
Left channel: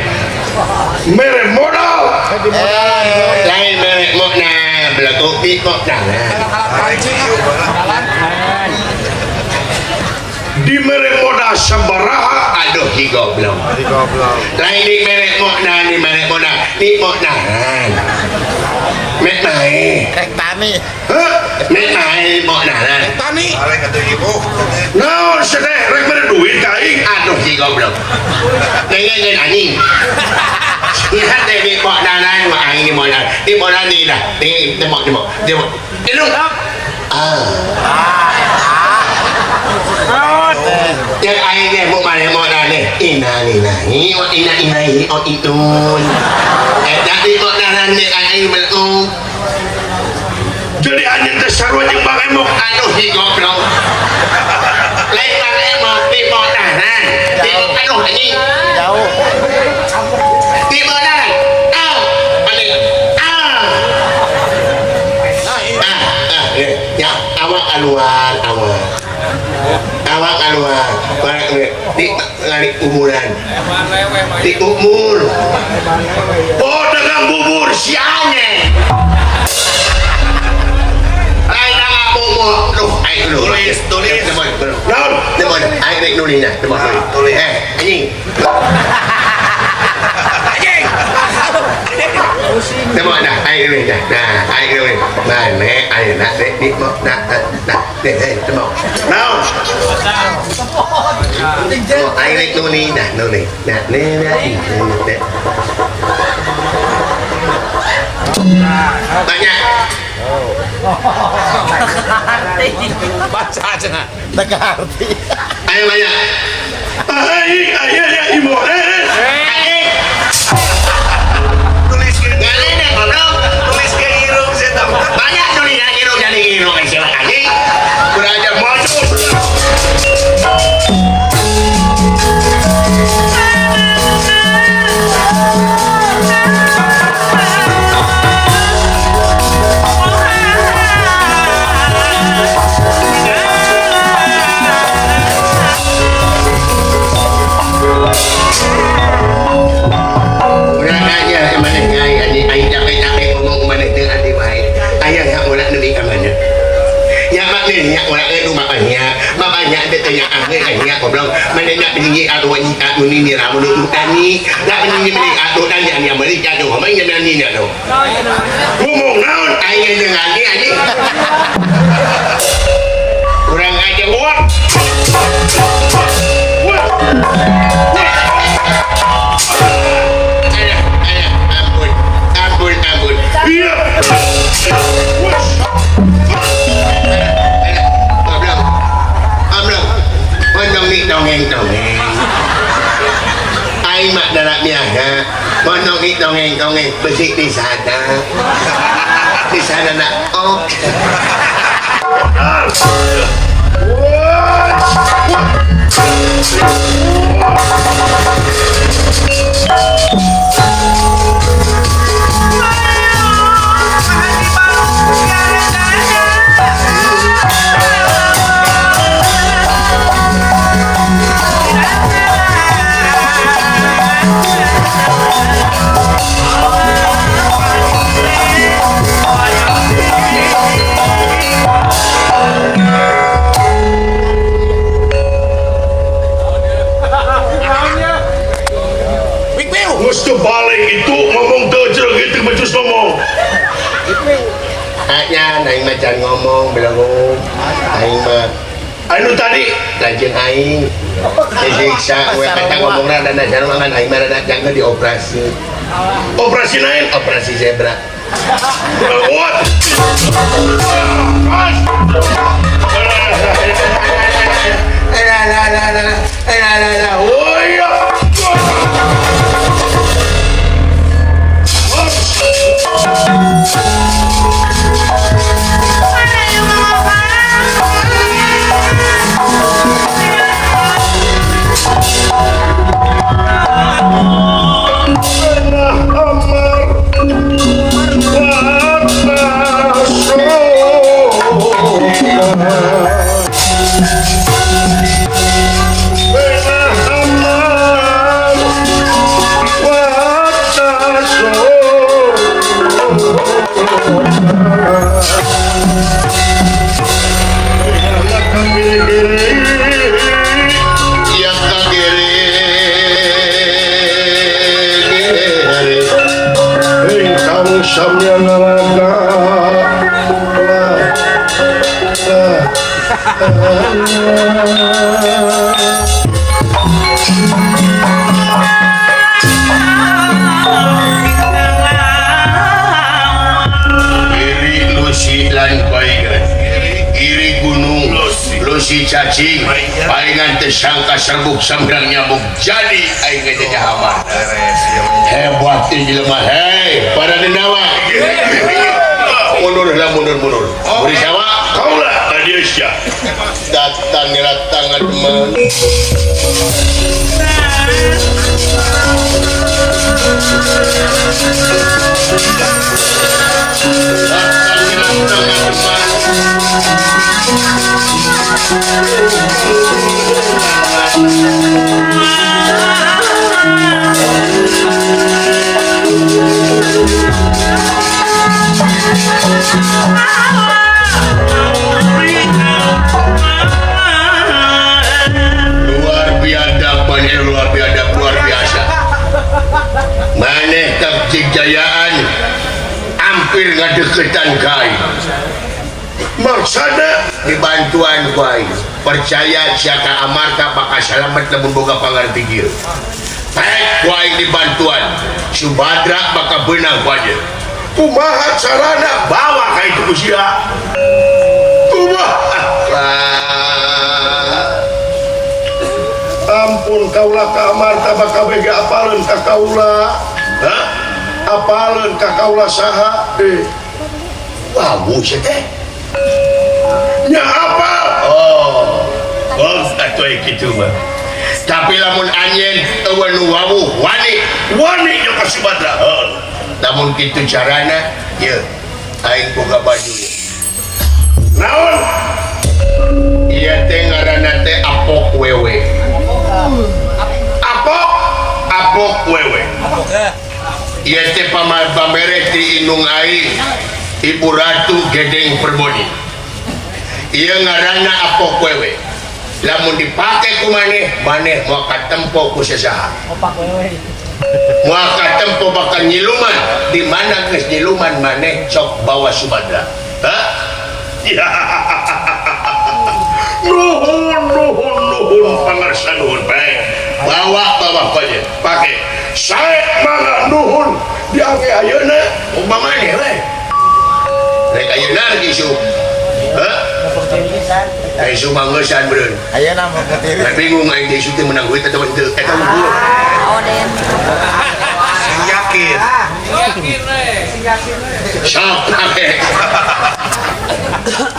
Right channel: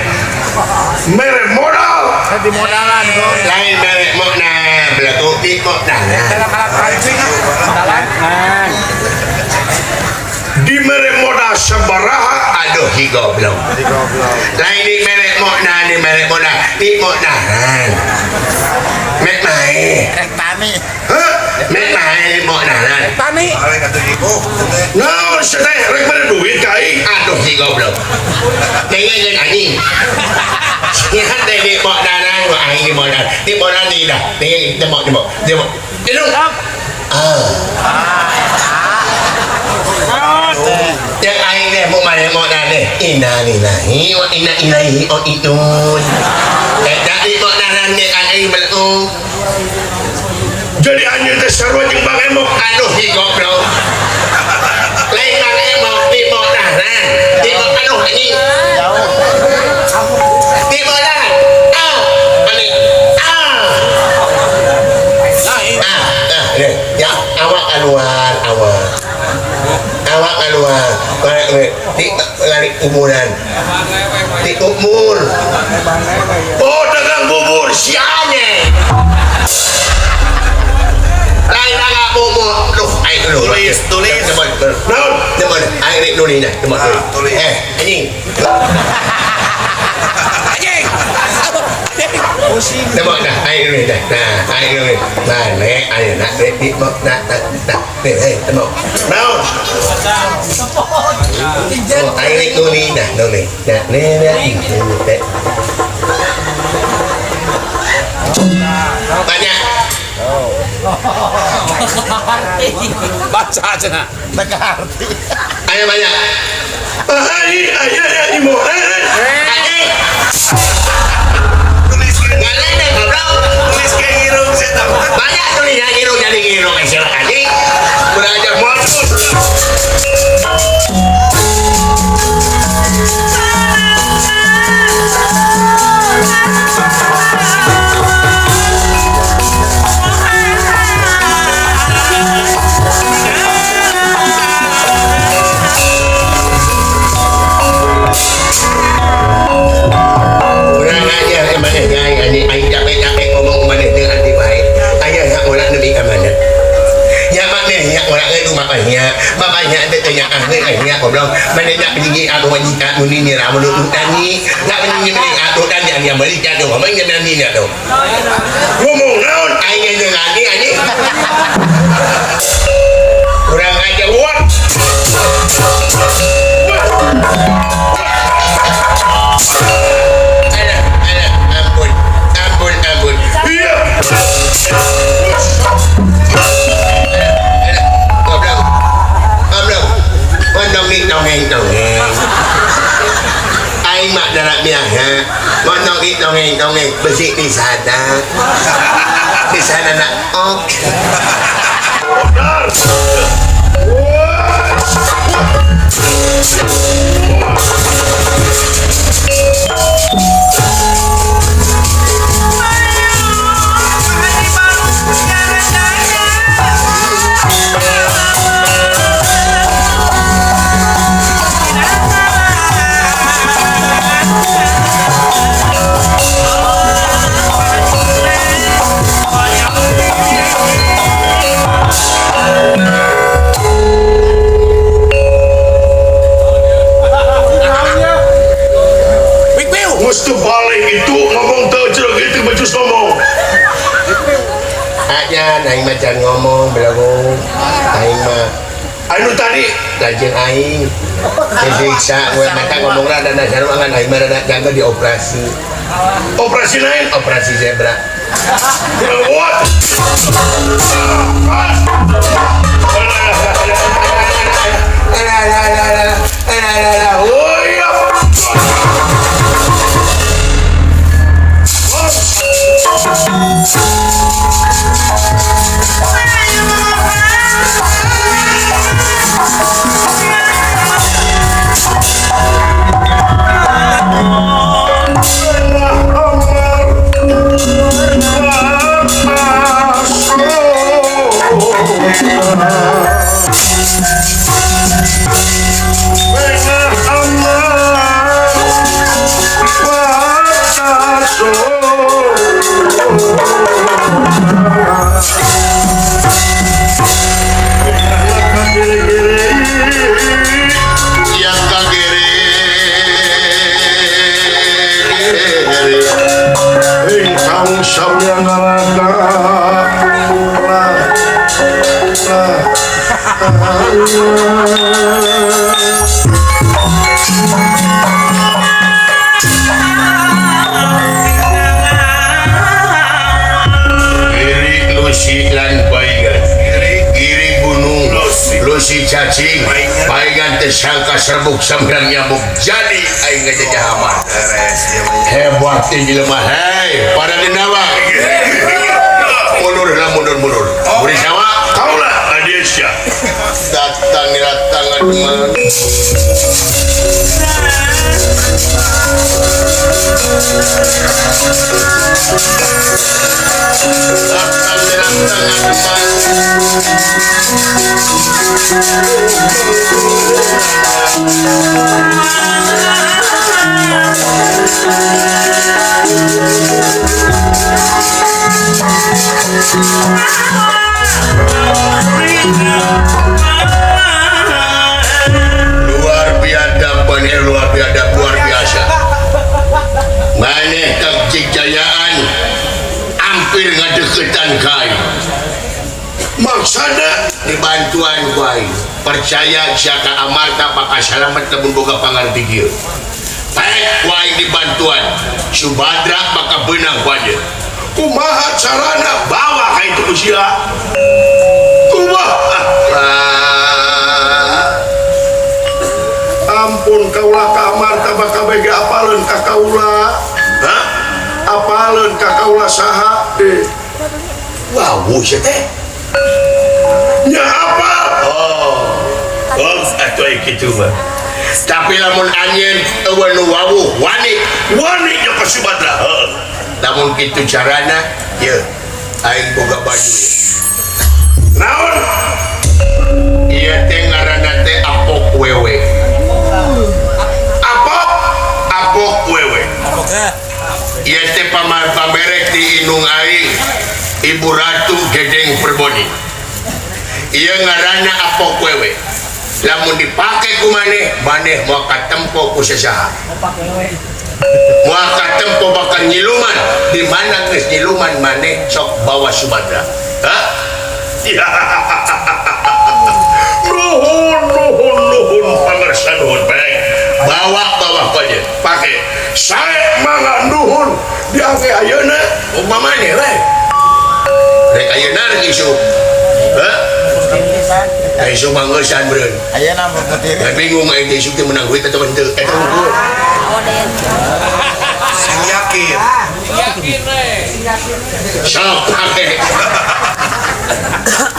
Merek modal. Di modalan kok. Lain merek modal, belakang di modalan. Di merek modal sebaraha aduh di goblok. Lain di merek modal di modalan. Mek main. Rek tani. Mek main modalan. Tani. Nah, sedih rek pada duit kai. Aduh di goblok. Nengen anjing. Lihat deh di modalan gua anjing di modalan ni dah. Nengen demok. Itu. Yang aing dia mau mana modal ni. Innalillahi wa inna ilaihi raji'un. Tapi modalan ni aing belum. Jadi anjing tersarwa jeung Bang Emok. Aduh di goblok. Lain Bang Emok di modalan. Di aduh anjing. Di modalan. Anjing. Ya awak keluar di lari kuburan di umur dagang bubur sianya lain dagang bubur ayo tulis ayo nulisnya tulis anjing demok dah ayo nulis dah ayo nulis mana ayo nak di mok nak demok now ayo nulis dah nulis tanya Baca aja nak. Teka arti. ayo banyak ayo ibu banyak tulisnya girung jadi girung istilah anjing udah ajar modus. Makanya ada tanya akhirnya aku bilang mana nak peninggi aku wanita ini ramu dulu tani nak peninggi aku tani yang beri jatuh ngomongnya nani nak tu ngomong naon aja dengan ni aja kurang aja what ampun iya Aing mak dalam miah dongeng bersih di sana nak mesti balik itu ngomong terjel gitu macam ngomong aja naik macam ngomong belagu aing mah anu tadi lanjut aing disiksa gue kata ngomong rada najar mangan aing mah rada jaga dioperasi operasi lain operasi zebra what oh iya Oh samya ngalaga iri lusi lan baik iri gunung lusi cacing palingan tersangka serbuk sembrang nyambuk jadi aing ngejajah amar hebat tinggi lemah hei para denawa mundur lah mundur beri sama kaulah adiasya datang teman luar biasa maneh kejayaan hampir ngadeketan kai maksana dibantuan kai percaya siaka amarta bakal selamat lamun boga pangarti baik kai dibantuan Subadra bakal benang wajar kumaha carana bawa kai itu usia kumaha ampun kaulah ka amarta bakal bega apaleun ka kaula apaleun ka kaula saha wah sia teh nya apa atuh kitu mah tapi lamun anjeun eueun nu wawuh wani nya ka Subadra lamun kitu carana ieu aing boga baju naon ieu teh ngaranna teh apok wewe apok wewe ieu teh pamere ti indung aing Ibu Ratu Gedeng Perboni ieu ngaranna apok wewe lamun dipake ku maneh moal katempo ku sasaha moal katempo bakal nyiluman di mana geus nyiluman maneh sok bawa Subadra nuhun pangarsa nuhun baik bawa aja pakai saya mangga nuhun diangke ayeuna umpamanya rek ayeuna rek isu isu mangeusan beureun Ayeuna mah gede. bingung aing teh isu teh menang duit atau henteu Yakin. sok pakai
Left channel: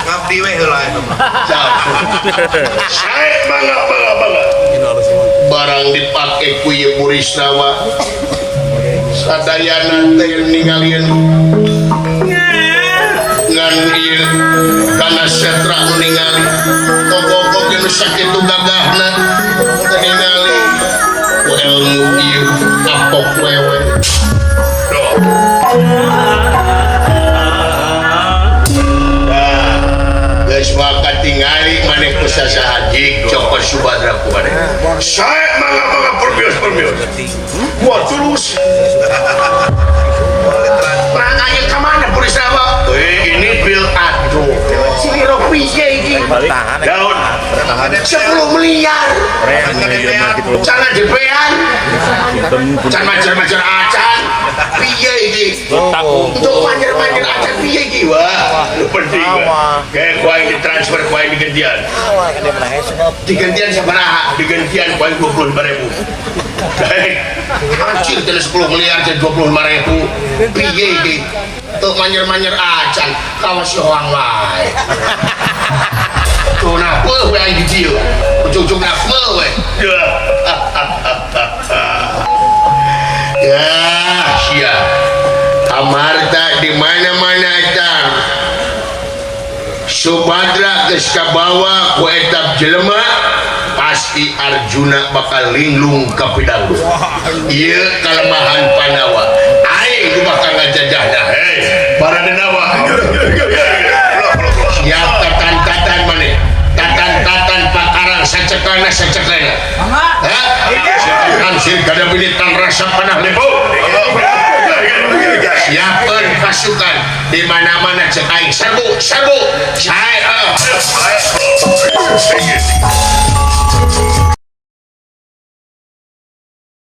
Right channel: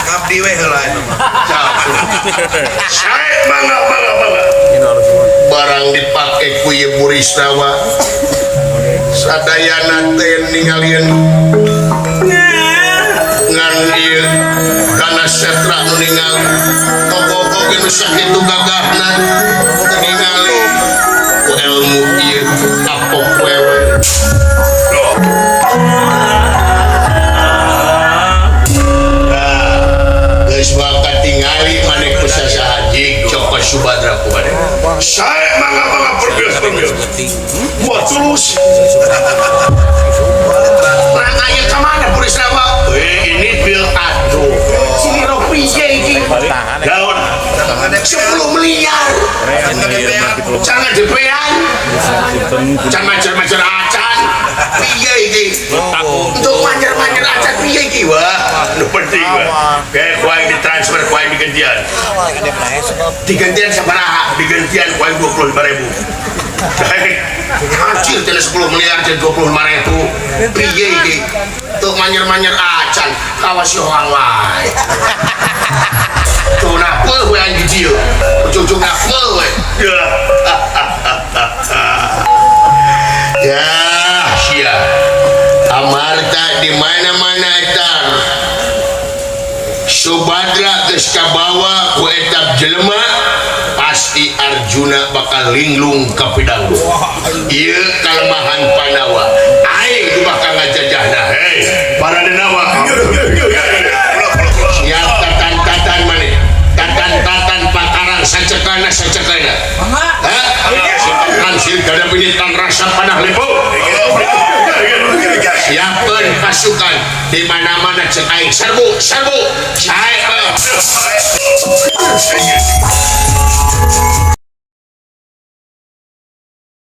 Ngabdi we heula. saya bangga barang dipake ku ieu Burisrawa sadayana teh ningalieun ngan ieu kana setra ningali koko geus sakitu gagahna ningali ilmu ieu apok wewe geus maka tingali maneh ku sasaha jig cok Subadra ku maneh saya mangga perbios buat tulus nah ayo kemana Burisrawa ini bil aduh sini rupiah ini daun 10 miliar jangan dipean jangan majar-majar acan piye ini untuk majar-majar acan piye ini wah lu penting wah kayak kuah ini transfer kuah ini digantian sabaraha digantian kuah 25.000 kayak hancur jadi 10 miliar jadi 25.000 piye ini untuk majar-majar acan kawas orang lain tuh napa we anjing dia ujung-ujung napa we ya sia amarta di mana-mana etar Subadra geus kabawa ku etap jelema pasti Arjuna bakal linglung ka pidalung ieu kalemahan Pandawa aing bakal ngajajahna hei para denawa siap tatan maneh tatan pakarang sacekana siapkan sir kada pilitan rasa panah lempo siapkan pasukan di mana-mana cek aing serbu serbu. Saya